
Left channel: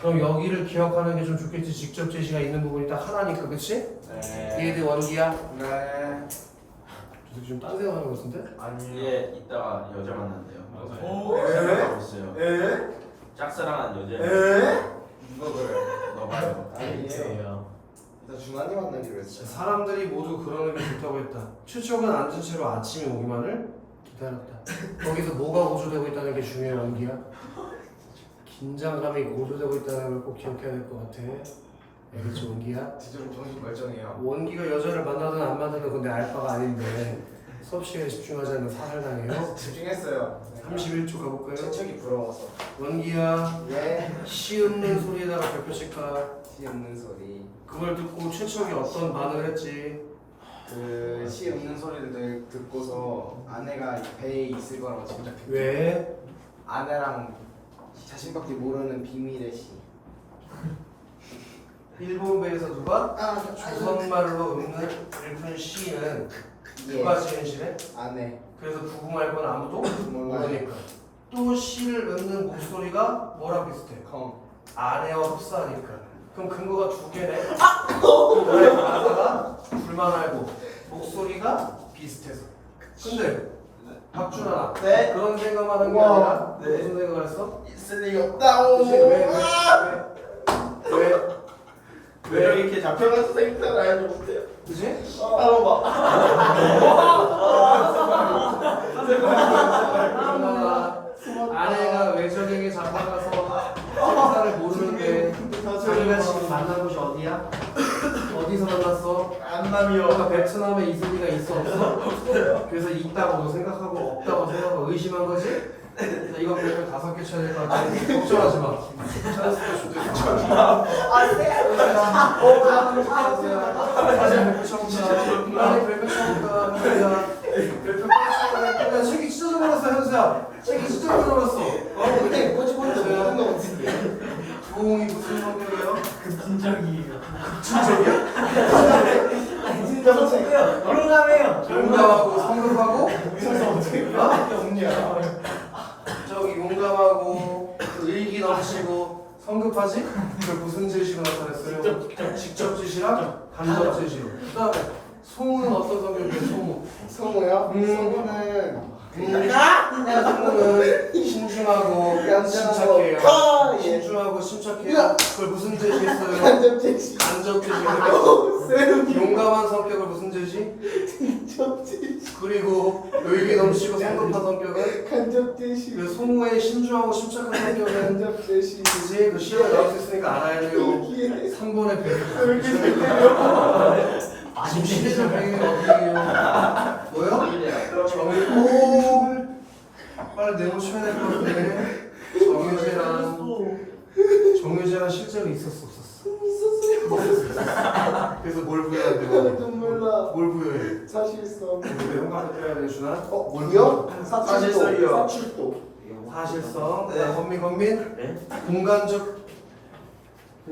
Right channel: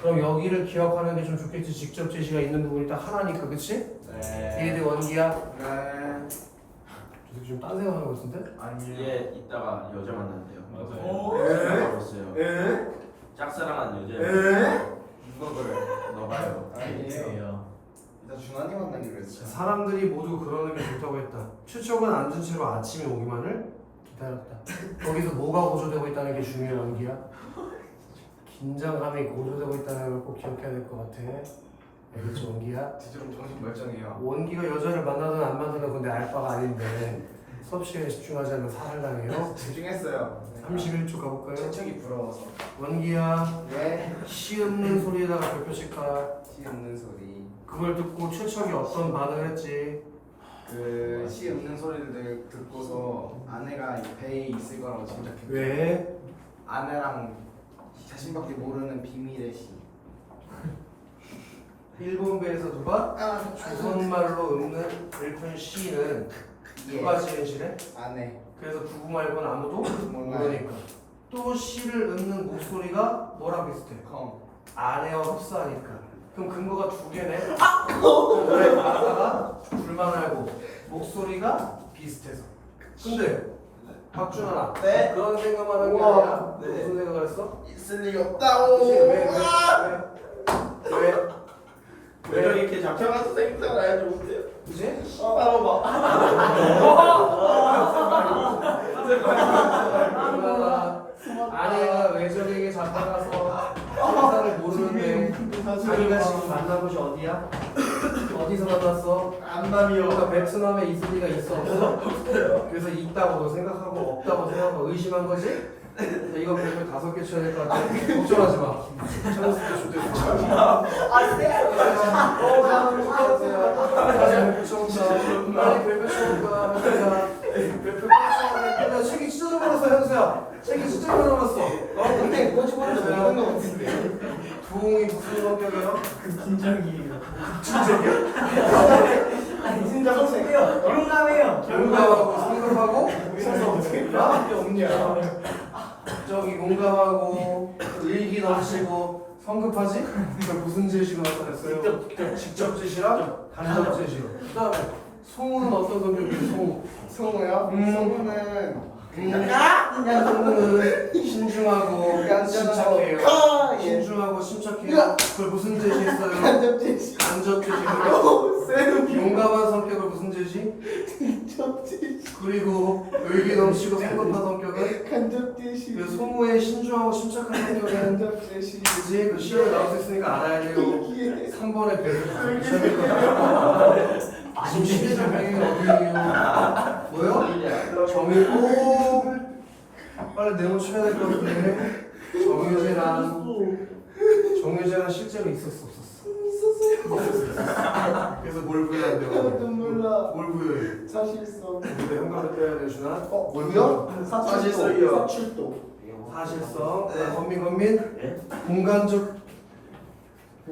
그럼 여기를 기억하는 게 좀 좋겠지. 직접 제시가 있는 부분이 딱 하나니까, 그치? 네. 얘들 원기야? 네. 저 새끼 좀 딴 생각하는 거 같은데? 아니요. 얘 이따가 여자 만난대요. 오. 있어요. 에? 짝사랑한 여자. 에? 누가 그래? 너 봐요. 아니에요. 일단 준환이 만나기로 했어. 사람들이 모두 그러는 게 좋다고 했다. 최초는 앉은 채로 아침이 오기만을 기다렸다. 거기서 뭐가 고조되고 있다는 게 중요해 원기야. 긴장감이 고조되고 있다는 걸 꼭 기억해야 될 것 같아. 알겠지 원기야? 뒤처럼 정신 멀쩡해요. 원기가 여자를 만나든 안 만나든 그건 내 알바가 아닌데 수업 시간에 집중하지 않으면 사살당해요. 집중했어요. 31초 가볼까요? 채척이 부러워서. 원기야 예. 시 없는 소리에다가 별표씩 가. 시 없는 소리. 그걸 듣고 최척이 어떤 반응을 했지? 그 시 없는 소리를 듣고서 아내가 배에 있을 거라고 짐작했죠. 왜? 아내랑 자신밖에 모르는 비밀의 시. 일본 배에서 누가? 조선말로 읊는 일본 시는 누가 지은 시래? 아내. 그래서 부부 말고는 아무도 몰라요. 모르니까 또 시를 읊는 목소리가 뭐랑 비슷해? 아래와 흡사하니까. 그럼 근거가 두 개네. 노래 가사가 둘만 알고 목소리가 비슷해서. 근데 박준아, 네. 그런 생각만 한 게 우와. 아니라 네. 무슨 생각을 했어? 있을 리 없다. 그치? 왜? 이렇게 잡혀가서 생각하지 못해요. 그지? 따로 봐. 아내가 외적에게 잡혀가서 생사를 모르는데 자기가 지금 만난 곳이 어디야? 어디서 만났어? 안남이요. 너가 베트남에 있을 리가 있어 없어? 그래서 있다고 생각하고 없다고 생각하고 의심한 거지? 자, 이거 보려면 5개 쳐야 될 것 같아. 걱정하지 마. 찾았을 때 좋대. 책이 진짜 좀 어렸어 현수야. 책이 진짜 좀 어렸어. 근데 뭐지 모르겠어요. 부흥이 무슨 성격이야? 긴장이에요. 진정책. 용감해요. 용감하고 성급하고 저기 용감하고 의기 넘치고 성급하지? 그 무슨 제시로 나타냈어요? 직접 제시랑 간접 제시로. 그다음에 송은 어떤 성격이에요? 성우요? 성우는 송은 신중하고 침착해요. 신중하고 침착해요. 그걸 무슨 제시했어요? 간접책. 간접 제시. 용감한 성격을 무슨 제시? 간접책. 그리고 의기 넘치고 성급한 성격은 간접제시. 그 송우의 신중하고 침착한 성격은 간접제시. 그지? 그 시험에 나올 수 있으니까 알아야 돼요. 3번의 배를 붙여야 돼요. 지금 시대적 배경이 어디예요? 뭐요? 정유. 빨리 네모 쳐야 될 것 같은데. 정유재란 실제로 있었어 없었어? 그래서 뭘 부여해야 돼? 몰라. 뭘 부여해? 사실성. 근데 현관을 빼야 돼 준아? 뭐요? 사실성이요. 사실도. 사실성. 네. 건민. 네? 공간적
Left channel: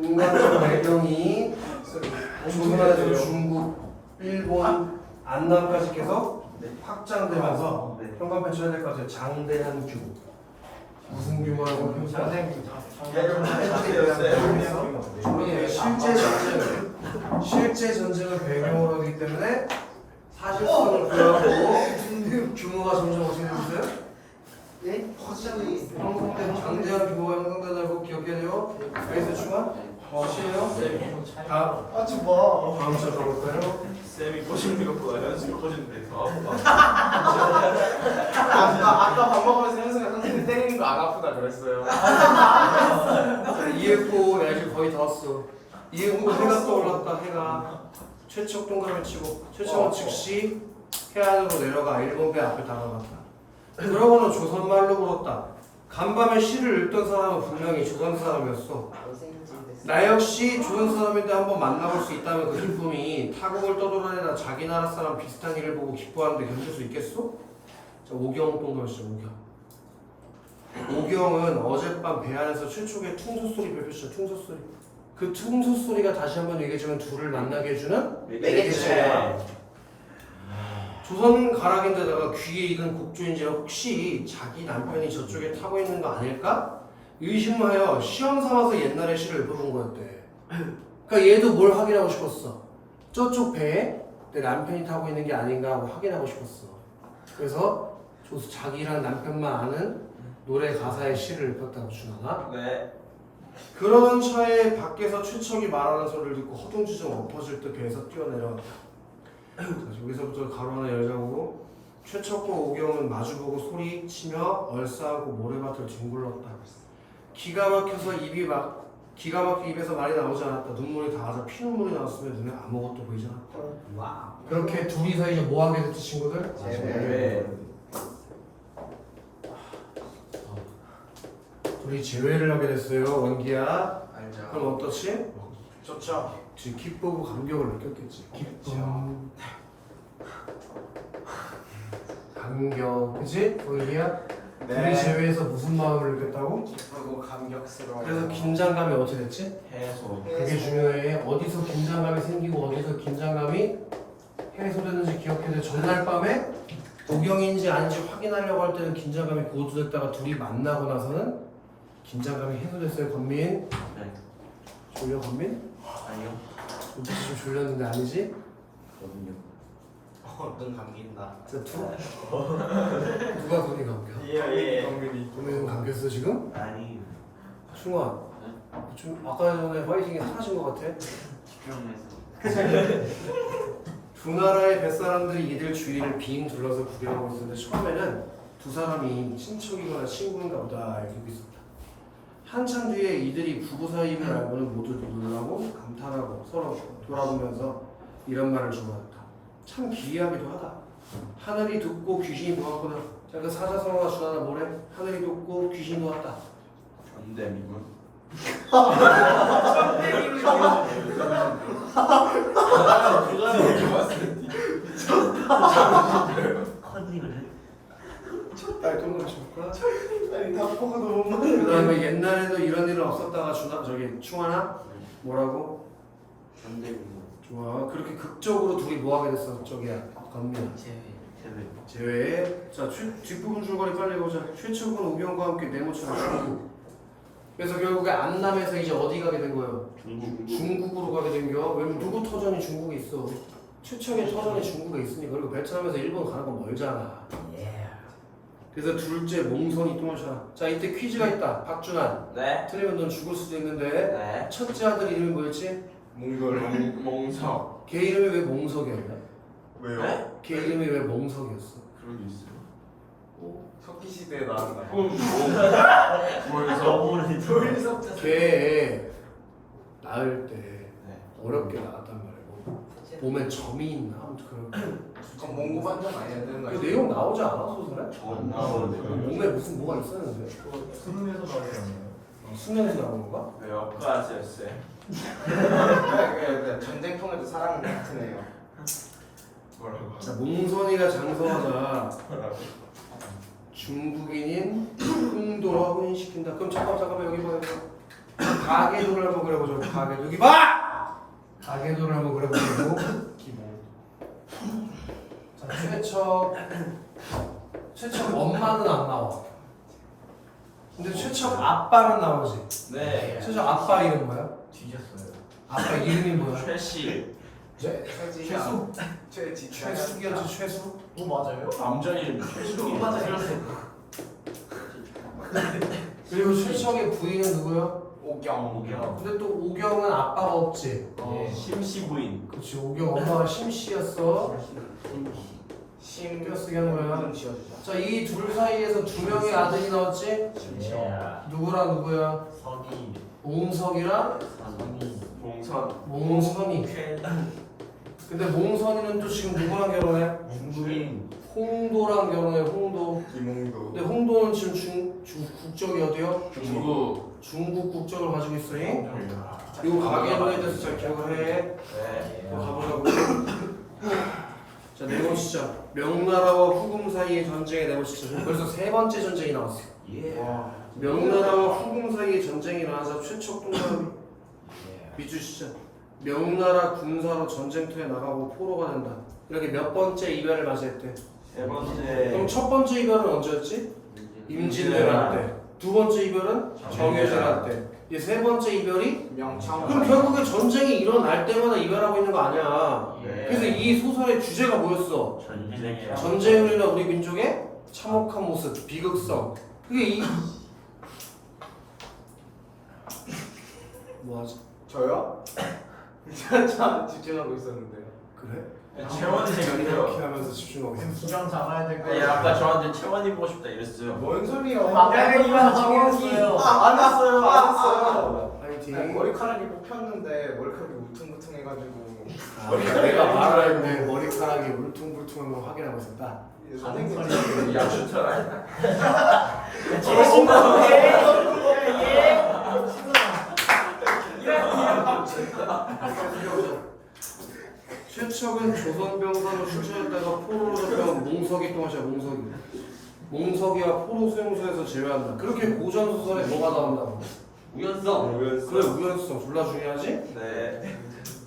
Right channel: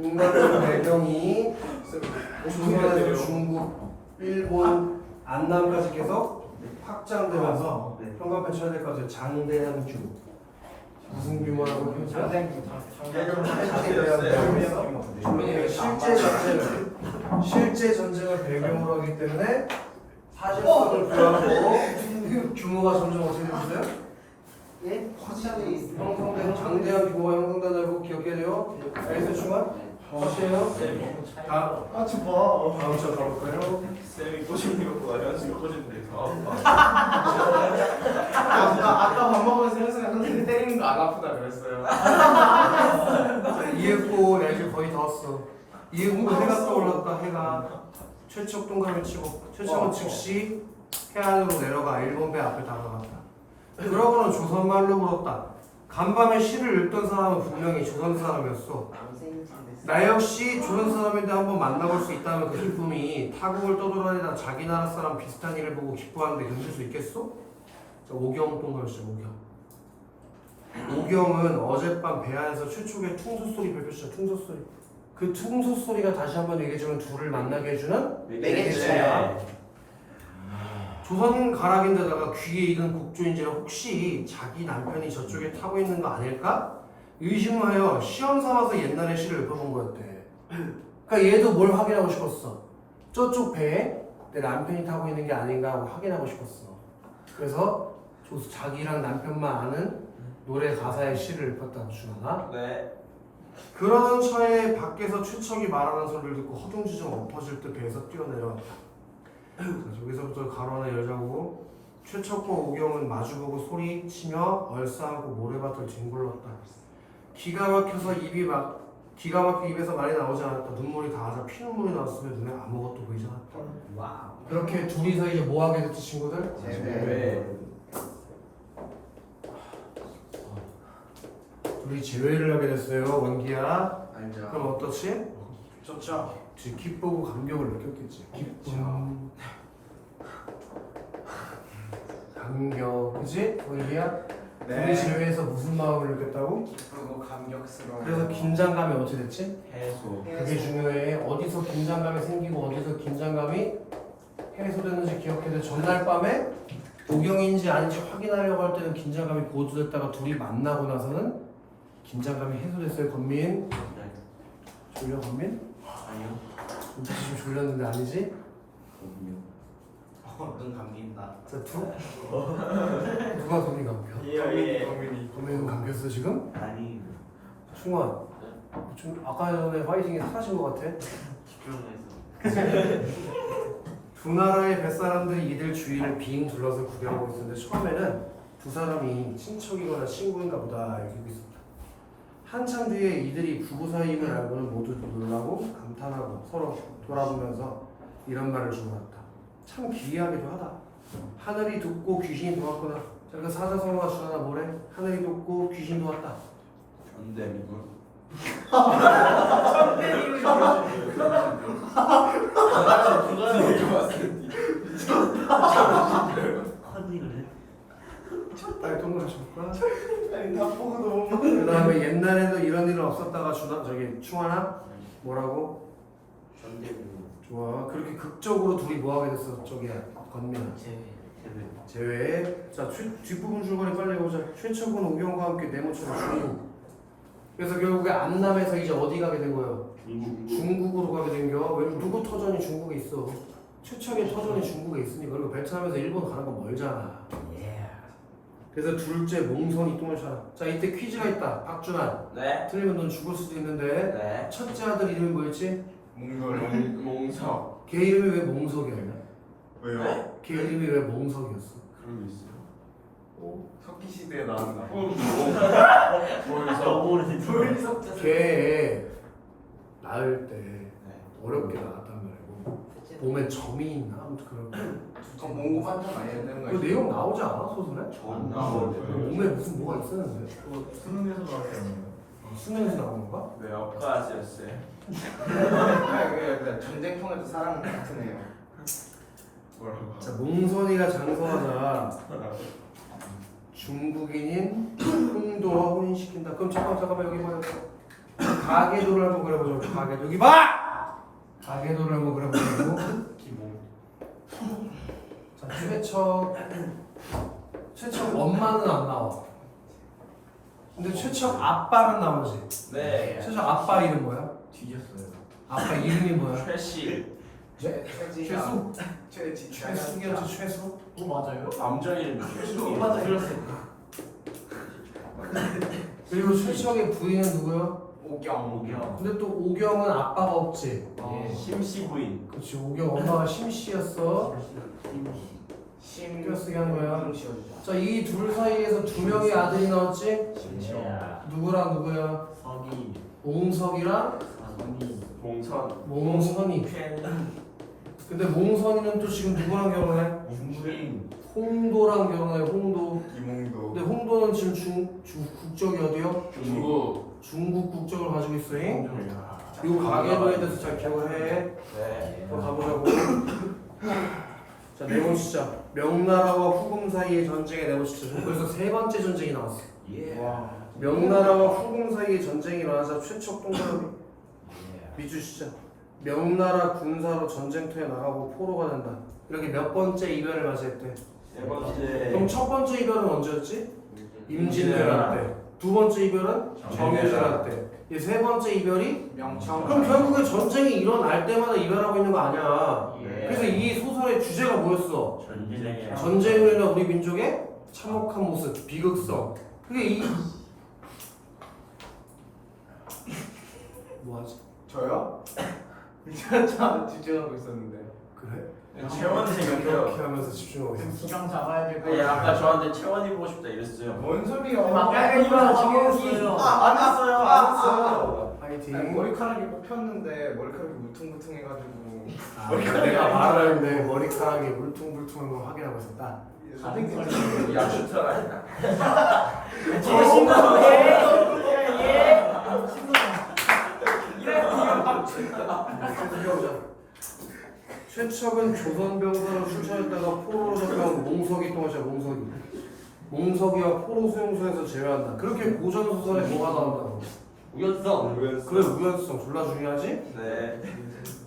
배경이 중화적 중국, 일본, 안남까지 계속 확장되면서 현관편 쳐야 될 것 같아요. 장대한 규모. 무슨 규모라고 표현해? 실제 전쟁을 배경으로 하기 때문에 사실성을 부여하고 규모가 점점 어떻게 되었어요? 예? 확실히. 형성된 장대한 규모가 형성되다고 기억해내요. 알겠어요, 중아? 하시에요? 다음 하지 마. 다음 시간 가볼까요? 쌤이 꼬시는 것보다 현수가 꼬시는데 더 아까 밥 먹으면서 현수가 선생님 때리는 거 안 아프다 그랬어요. EF5 날씨 거의 다 왔어. EF5 해가 떠올랐다. 해가 최척 동그라미 치고 최척은 즉시 해안으로 내려가 일본 배 앞에 다가갔다. 그러고는 조선말로 물었다. 간밤에 시를 읽던 사람은 분명히 조선 사람이었어. 나 역시 조선 사람인데 한번 만나볼 수 있다면 그 기쁨이 타국을 떠돌아다니다 자기 나라 사람 비슷한 일을 보고 기뻐하는데 견딜 수 있겠소? 자, 오경 동그라미죠. 오경은 어젯밤 배 안에서 최초의 퉁소 소리 별표시죠. 퉁소 소리. 그 퉁소 소리가 다시 한번 얘기해주면 둘을 만나게 해주는 매개체야. 조선 가락인데다가 귀에 익은 곡조인지라 혹시 자기 남편이 저쪽에 타고 있는 거 아닐까? 의심하여 시험 삼아서 옛날의 시를 읊어본 거였대. 그러니까 얘도 뭘 확인하고 싶었어? 저쪽 배에 내 남편이 타고 있는 게 아닌가 하고 확인하고 싶었어. 그래서 자기랑 남편만 아는 노래 가사의 시를 읊었다고 주나가? 네. 그러던 차에 밖에서 최척이 말하는 소리를 듣고 허둥지둥 엎어질 듯 배에서 뛰어내려왔다. 자, 여기서부터 가로 하나 열자고. 최척과 오경은 마주보고 소리치며 얼싸안고 모래밭을 뒹굴렀다. 기가 막혀 입에서 말이 나오지 않았다. 눈물이 닿아서 피눈물이 나왔으며 눈에 아무것도 보이지 않았다. 그렇게 둘이서 이제 뭐 하게 됐지 친구들? 네. 둘이 재회를 하게 됐어요. 원기야. 알죠. 그럼 어떻지? 좋죠. 기쁘고 감격을 느꼈겠지. 기쁨, 감격, 그치? 원기야? 둘이 재회해서 무슨 마음을 느꼈다고? 기쁘고 감격스러워. 그래서 긴장감이 어떻게 됐지? 해소. 그게 중요해. 어디서 긴장감이 생기고 어디서 긴장감이 해소됐는지 기억해야 돼. 전날 밤에 복용인지 아닌지 확인하려고 할 때는 긴장감이 고조됐다가 둘이 만나고 나서는 긴장감이 해소됐어요. 권민? 네. 졸려 권민? 아니요. 진짜 좀 졸렸는데 아니지? 거든요. 눈 감긴다. 자 누가 눈이 감겨? 예. 권민이 눈 감겼어 지금? 아니 충원 좀 아까 전에 화이팅이 사라진 것 같아. 집중해서 두 나라의 뱃사람들이 이들 주위를 빙 둘러서 구경하고 있었는데 처음에는 두 사람이 친척이거나 친구인가 보다 이렇게 있었다. 한참 뒤에 이들이 부부 사이임을 알고는 모두 놀라고 감탄하고 서로 돌아보면서 이런 말을 주고받았다. 참 기이하기도 하다. 하늘이 돋고 귀신이 보았구나. 자, 그 사자성어가 주하나 뭐래? 하늘이 돋고 귀신이 보았다. 전대미고요. 컨닝을 동그랗 줄까? 아니 다 보고 너무 그 다음에 옛날에도 이런 일은 없었다가 충하나? 뭐라고? 전대미고. 좋아. 그렇게 극적으로 둘이 뭐하게 됐어? 저기야 건민아 제외. 자 뒷부분 줄거리 빨리 보자. 최초군 오경과 함께 네모처럼 중국. 그래서 결국에 안남에서 이제 어디 가게 된 거예요? 중국으로 가게 된겨. 왜냐면 누구 터전이 중국에 있어. 최초의 터전이 중국에 있으니까. 그리고 베트남에서 일본 가는 건 멀잖아. 그래서 둘째 몽선이 똥을 차라. 자 이때 퀴즈가 있다. 박준환. 네. 틀리면 넌 죽을 수도 있는데 네. 첫째 아들 이름이 뭐였지? 몽석. 걔 이름이 왜 몽석이었냐? 왜요? 걔 이름이 왜 몽석이었어? 그런 게 있어요. 석기 시대에 나왔나? 걔 낳을 때 어렵게 낳았단 말이고 몸에 점이 있나? 아무튼 그런 그럼 몽고 반장 아니야 되는 그 거야? 내용 나오지 않아 소설에? 안 나오는데. 몸에 무슨 뭐가 있었는데 수능에서 나왔잖아요. 수능에서 나온 건가? 왜 어크아스였어요? 그냥 전쟁통에도 사람은 같은 애요. 뭐라고? 자 몽선이가 장성하자 중국인인 흥도와 혼인시킨다. 그럼 잠깐만 여기 봐요. 가계도를 한번 그려보자. 가계도 여기 봐! 가계도를 한번 그려보자고. 자 최척 엄마는 안 나와. 근데 최척 아빠는 나오지. 네. 최척 아빠 이름 뭐야? 뒤졌어요. 아빠 이름이 뭐야? 최씨. 네? 최수? 최숙이었지 최수? 오 맞아요? 남자 이름 최씨. 맞아요. 그리고 최척의 부인은 누구야? 오경. 근데 또 오경은 아빠가 없지. 심씨 부인. 그렇지 오경 엄마가 심씨였어. 신경 쓰게 한 거야. 씌워주자. 자 이 둘 사이에서 두 명의 아들이 나왔지. 누구랑 누구야? 서기 옹석이랑 몽선. 몽선이. 근데 몽선이는 또 지금 누구랑 결혼해? 중국인 홍도랑 결혼해. 홍도. 이몽도. 근데 홍도는 지금 국적이 어디요? 중국. 중국 국적을 가지고 있으니 그리고 가계도에 대해서 잘 기억을 해. 네. 또 가보자고. 자 내보시죠. 명나라와 후금 사이의 전쟁에 내보시죠. 그래서 세 번째 전쟁이 나왔어. 와. 명나라와 후금 사이의 전쟁이 일어나자 최척 동감이 비추시죠. 명나라 군사로 전쟁터에 나가고 포로가 된다. 이렇게 몇 번째 이별을 맞이했대. 세 번째. 그럼 첫 번째 이별은 언제였지? 임진왜란 때. 두 번째 이별은 정유재란 때. 이 세 번째 이별이 명청. 그럼 결국에 전쟁이 일어날 때마다 이별하고 있는 거 아니야. 예. 그래서 이 소설의 주제가 뭐였어? 전쟁이야. 전쟁이나 우리 민족의 참혹한 모습, 비극성. 그게 이 뭐하지? 저요? 참 집중하고 있었는데. 그래? 채원이 이렇게 생겼어요. 하면서 집중하고 있어. 수장 잡아야 될 아니 거예요. 아까 저한테 채원이 보고 싶다 이랬어요. 뭔 소리야? 막간을 이만 챙겼어요. 안 했어요. 안 했어요. 파이팅. 머리카락이 뽑혔는데 머리카락이 울퉁불퉁해가지고. 내가 말을 했는데 머리카락이 울퉁불퉁한 걸 확인하고 있었다. 선생님이 야수처럼. 최척은 조선병사로 출전했다가 포로로 잡혀온 몽석이 또 하셔. 몽석이와 포로 수용소에서 제외한다. 그렇게 고전 소설에 뭐가 나온다고? 우연성 그래 우연성 졸라 중요하지? 네.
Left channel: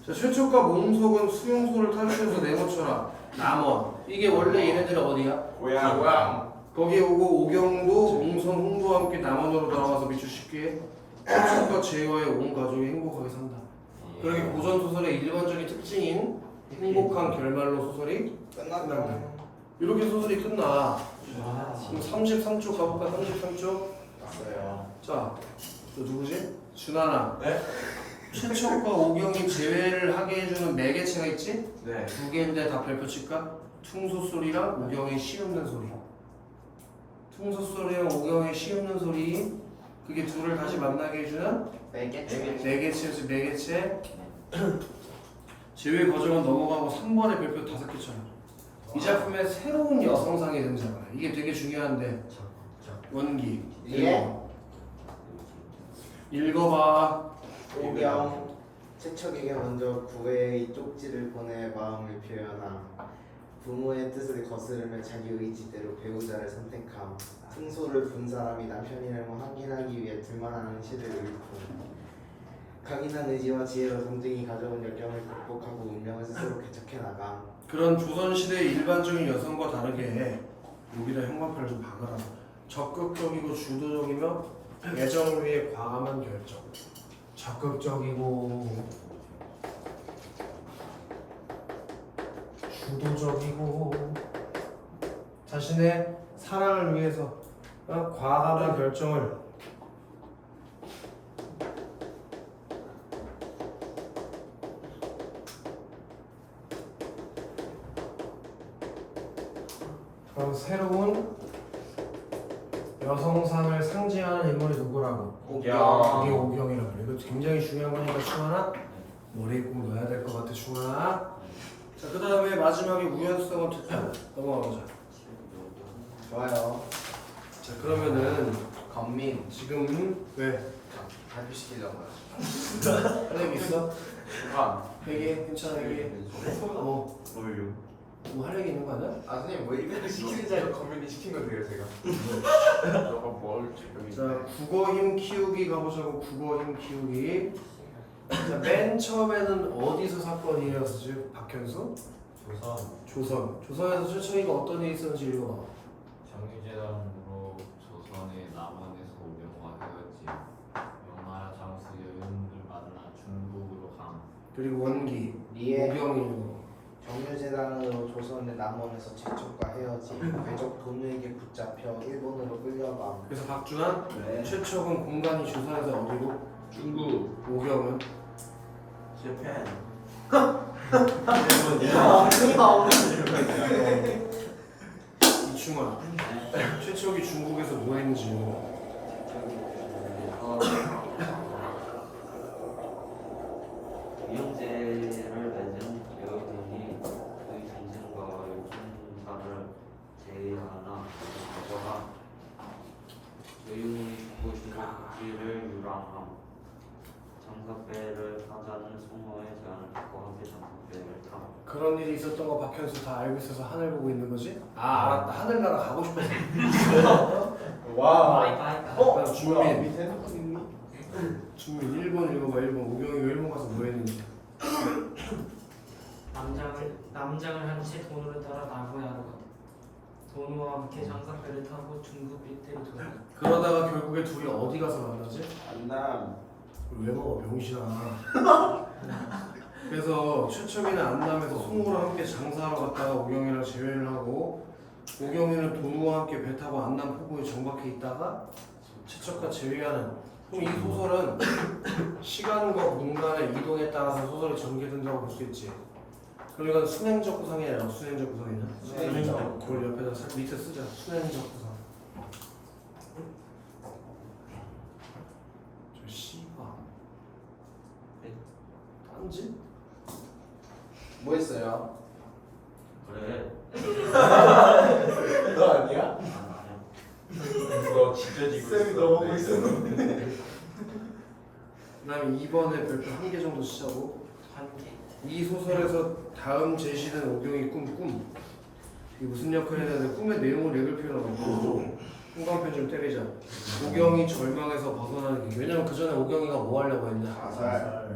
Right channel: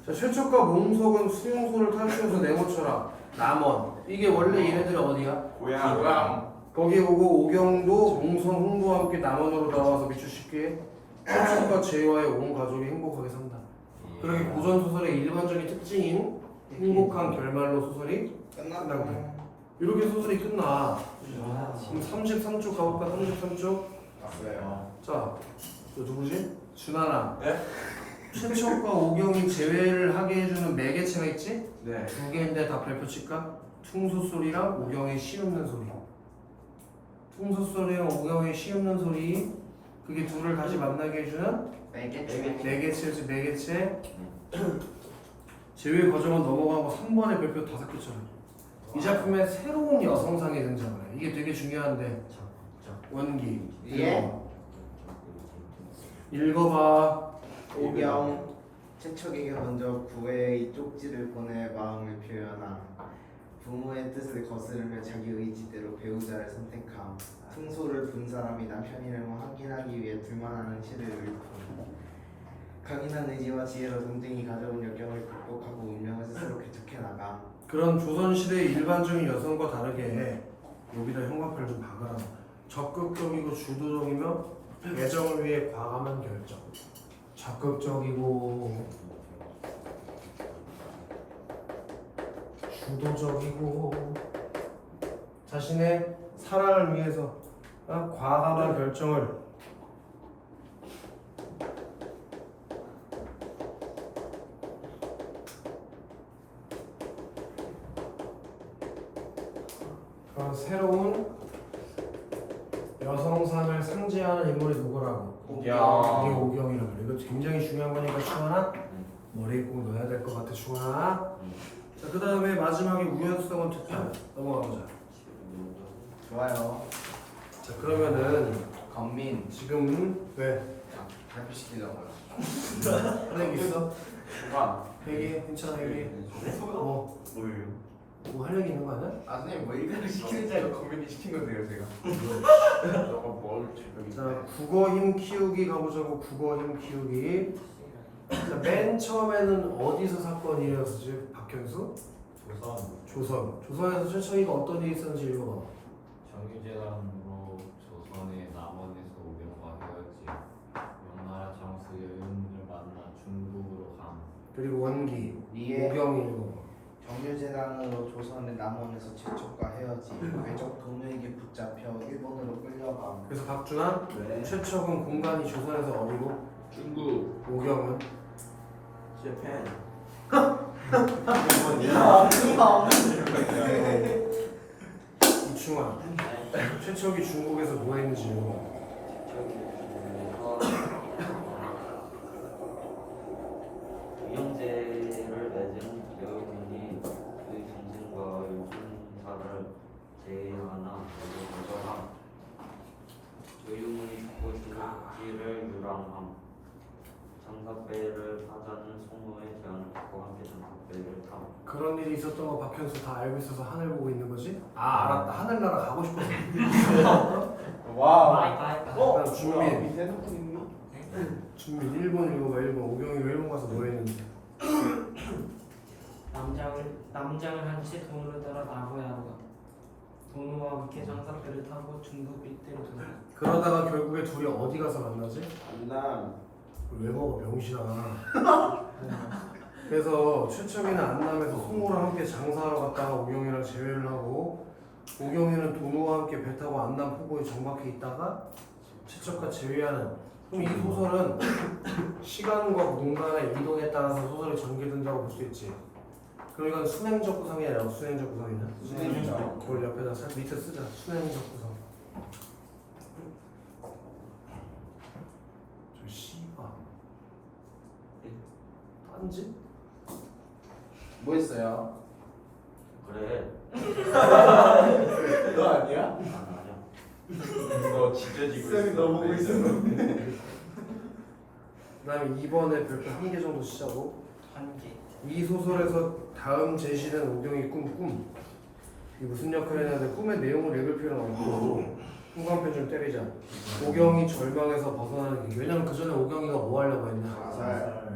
자, 최초과 몽석은 수용소를 탈출해서 내모쳐라. 남원. 이게 원래 얘네들이 어디야? 고향. 거기 오고 오경도 몽선 홍보와 함께 남원으로 돌아와서 미추 쉽게 최초과 제와의 온 가족이 행복하게 산다. 그렇게 고전 소설의 일반적인 특징인 행복한 결말로 소설이 끝난다. 이렇게 소설이 끝나. 그럼 33쪽 가볼까? 33쪽. 왔어요. 자, 너 누구지? 준하나. 네? 최초과 오경이 제외를 하게 해주는 매개체가 있지? 네. 두 개인데 다 별표 칠까? 퉁소소리랑 오경의 시없는 소리. 퉁소소리랑 오경의 시없는 소리. 그게 둘을 다시 만나게 해주는 매개체지. 매개체. 제외 과정은 넘어가고 3번의 별표 5개처럼. 이 작품의 새로운 여성상이 등장해. 이게 되게 중요한데. 원기. 예. 읽어봐. 오경 최척에게 먼저 구애의 쪽지를 보내 마음을 표현함. 부모의 뜻을 거스르며 자기 의지대로 배우자를 선택함. 승소를 분 사람이 남편의 이름을 확인하기 위해 둘만 아는 시를 읊음. 강인한 의지와 지혜로 동생이 가져온 역경을 극복하고 운명을 스스로 개척해 나감. 그런 조선시대의 일반적인 여성과 다르게 여기다 형광펜을 좀 박으라. 적극적이고 주도적이며 애정을 위해 과감한 결정. 적극적이고 주도적이고 자신의 사랑을 위해서 과감한 결정을 그런 새로운 여성상을 상징하는 인물이 누구라고? 오경. 이게 오경이라고 그래. 이거 굉장히 중요한 거니까 충하나 머리에 꼭 넣어야 될 것 같아. 충하나. 자, 그 다음에 마지막에 우연성은 특별. 넘어가보자. 좋아요. 자, 그러면은 건민 지금 왜? 발표시키자고요. 할 얘기 있어? 수강. 얘기해. 괜찮아 얘기해. 뭐 할 얘기 있는 거 아니야? 아 선생님 뭐 이거 시키는 자리로 건민이 시킨 건데요 제가. 자, 국어 힘 키우기 가보자고. 국어 힘 키우기. 자, 맨 처음에는 어디서 사건이 일어났었지? 박현수? 조선에서 최초이가 어떤 일이 있었는지 읽어봐. 정유재단으로 조선의 남원에서 오경과 헤어지 명나라 장수 예은을 만나 중국으로 감. 그리고 원기 리에 오경이 읽어. 정유재단으로 조선의 남원에서 최초과 헤어지 외적 돈에게 붙잡혀 일본으로 끌려감. 그래서 박준환 네. 최초는 공간이 조선에서 어디고? 중국. 오경은 재팬. 이충환 최초기 중국에서 뭐 했는지 읽어. 유영제를 맺은 여인이 그의 정신과 요순사를 제하나 모두 가져가 여인이 죽고 중국지를 유랑함. 장사배를 하자는 성노의 제안을 듣고 함께 장사배를 탐. 그런 일이 있었던 거 박현수 다 알고 있어서 하늘 보고 있는 거지? 아, 알았다. 하늘나라 가고 싶어서. 와. 그다음 준민 일본 읽어봐. 일본 오경이 왜 일본 가서 뭐 했는지. 남장을 한 채 도로를 따라 나고야로 갔다. 도노와 함께 장사배를 타고 중국 일대로 돌아. 그러다가 결국에 둘이 어디 가서 만나지? 안남. 왜 먹어 병신아. 그래서 최첨이는 안남에서 송호랑 함께 장사하러 갔다가 오경이랑 재회를 하고 오경이는 도노와 함께 배 타고 안남 포구에 정박해 있다가 최척과 재회하는. 그럼 이 소설은 시간과 공간의 이동에 따라서 소설이 전개된다고 볼 수 있지. 그럼 이건 순행적 구성이 아니라 순행적 구성이냐? 순행적. 그걸 옆에다 밑에 쓰자. 순행적 구성. 저 씨발 딴지? 뭐 했어요? 그래. 너 아니야? 아니야. 이거 진짜 지금 쌤이 너 보고 있었는데. 그 다음에 2번에 별표 1개 정도 쓰자고. 한 개. 이 소설에서 다음 제시된 오경이 꿈. 이게 무슨 역할을 했는데 꿈의 내용을 읽을 필요는 없고 형광펜 좀 때리자. 오경이 절망에서 벗어나는 길. 왜냐면 그 전에 오경이가 뭐 하려고 했냐?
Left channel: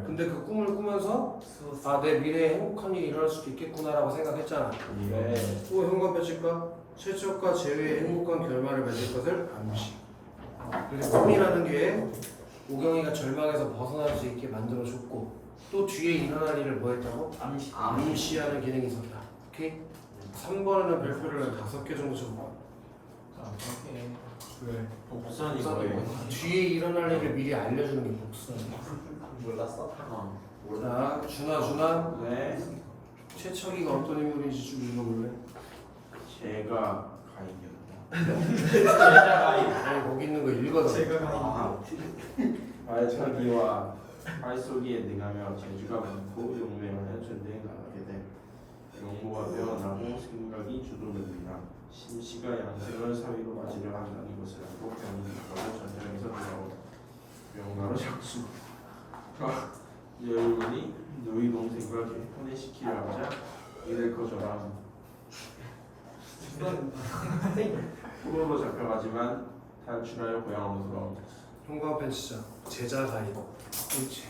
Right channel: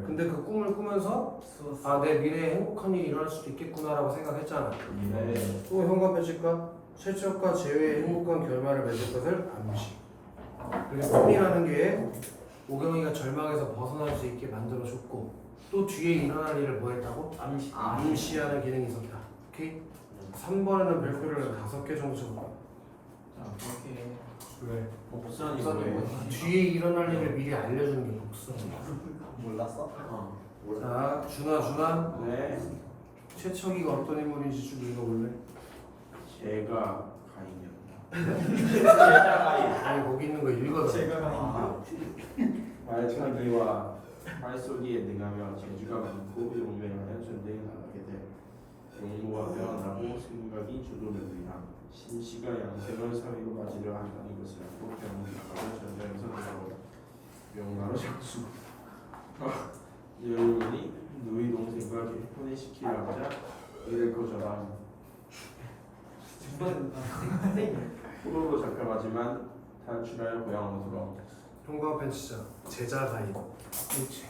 근데 그 꿈을 꾸면서 아, 내 미래에 행복한 일이 일어날 수도 있겠구나라고 생각했잖아. 또 현관 배치과 최적과 제외의 행복한 결말을 맺을 것을 암시. 그래서 꿈이라는 게 오경이가 절망에서 벗어날 수 있게 만들어줬고 또 뒤에 일어날 일을 뭐 했다고? 암시하는 기능이 있었다. 오케이? 3번에는 별표를 5개 정도 쳐봐. 어떻게 왜? 복선이 뭐예요? 뒤에 일어날 일을 미리 알려주는 게 복선이야. 몰랐어? 자, 준아. 네. 최척이가 어떤 인물인지 좀 읽어볼래? 제가 아니 거기 있는 거 읽어줘. 발차기와 발쏘기에 능하며 재주가 많고 용맹하여 전쟁에 나가게 돼 용모가 되어나고 생각이 주도됩니다. 신씨가 양생을 사위로 맞이려 한다는 것을 알고 배우니까 전쟁에서 나가고 명나라 장수 여인이 누이 동생과 결혼시키려자 이를 거절함. 후보로 잡혀가지만 탈출하여 고향으로 형광펜 치자. 제자 사이. 그렇지.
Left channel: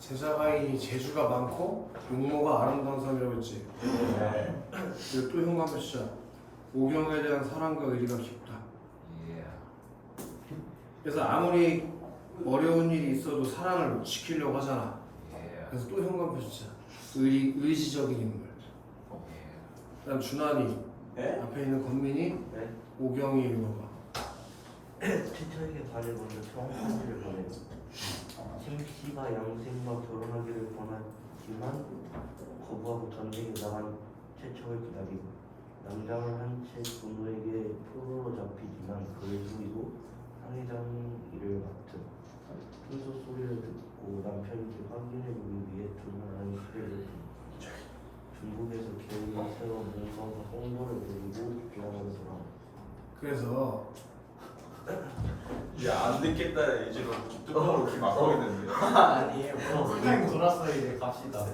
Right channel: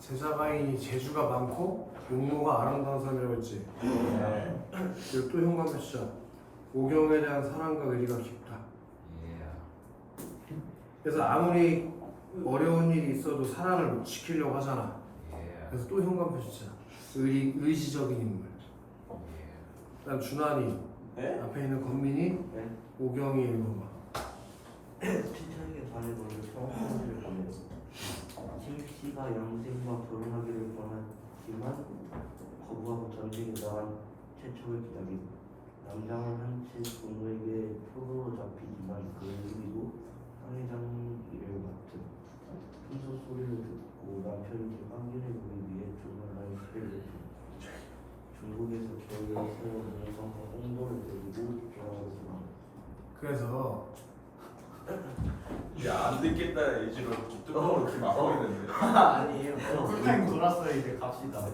제자가인이 재주가 많고 용모가 아름다운 사람이라고 했지. 그리고 또 현관펜 치자. 오경에 대한 사랑과 의리가 깊다. 그래서 아무리 어려운 일이 있어도 사랑을 지키려고 하잖아. 그래서 또 현관펜 치자. 의지적인 인물. 그다음 준환이. 네? 앞에 있는 건민이. 네. 오경이 읽어봐. 친척에게 다른 원을 평소를 보내 신씨가 영생과 결혼하기를 권하지만 거부하고 전쟁에 나간 최초를 기다리고 남자는 한채 부모에게 포로로 잡히지만 그의 후이도 상회장 일을 맡은 순서 소리를 듣고 남편에게 확인해 보기 위해 조만한 시대를 중국에서 겨울에 새로 몽성과 홍보를 데리고 조항으로 돌아왔다. 그래서 야안 듣겠다 이제로 뚜껑으로 이렇게 막고 있는데. 아니에요. 타임 돌았어 이제 갑시다.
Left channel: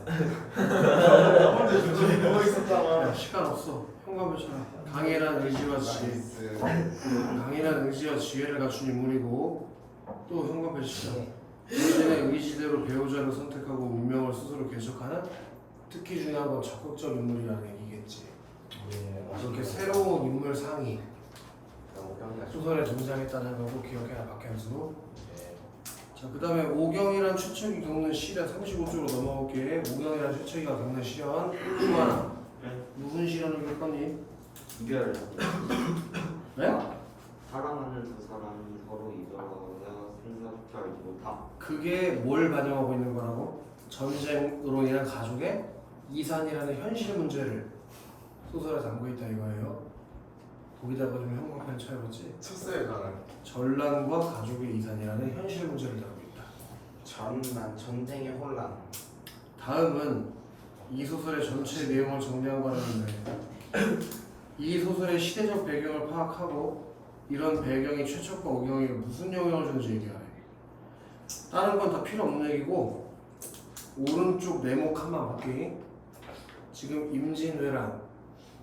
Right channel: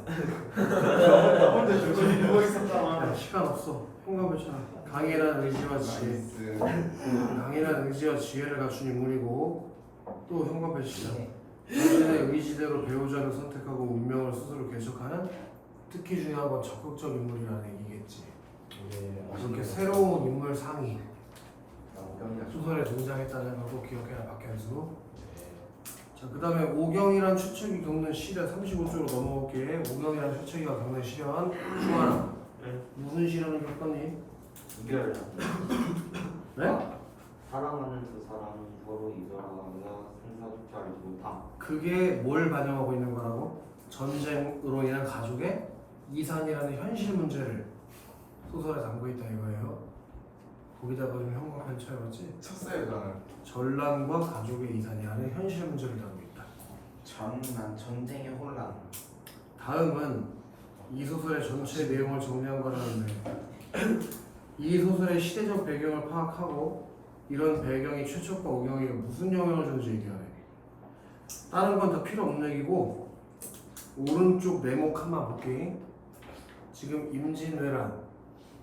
야, 시간 없어. 현관펜 쳐라. 강인한 의지와 지혜. 강인한 의지와 지혜를 갖춘 인물이고 또 현관펜 치자. 자신의 의지대로 배우자를 선택하고 운명을 스스로 개척하는 특히 중요한 건 적극적 인물이라는 얘기겠지. 이렇게 새로운 인물 상이 소설에 등장했다는 걸 꼭 기억해라 박현수. 자, 그 다음에 오경이란 최척이 겪는 시련 35쪽으로 넘어올게. 오경이란 최척이가 겪는 시련 중하나 무슨 시련을 겪었니? 이별. 네? 사랑하는 두 사람이 서로 이별하거나 생사소탈을 못함. 그게 뭘 반영하고 있는 거라고? 전쟁으로 인한 가족의 이산이라는 현실 문제를 소설에 담고 있다 이거예요. 거기다가 좀 형광펜 쳐야겠지. 쳤어요 저는. 전란과 가족의 이산이라는 현실 문제를 다루고 있다. 전난 전쟁의 혼란. 다음은 이 소설의 전체 내용을 정리한 거라는데 이 소설의 시대적 배경을 파악하고 이런 배경이 최척과 오경에게 무슨 영향을 주는지 얘기하네. 다른 건 다 필요 없는 얘기고 오른쪽 네모 칸만 볼게. 지금 임진왜란,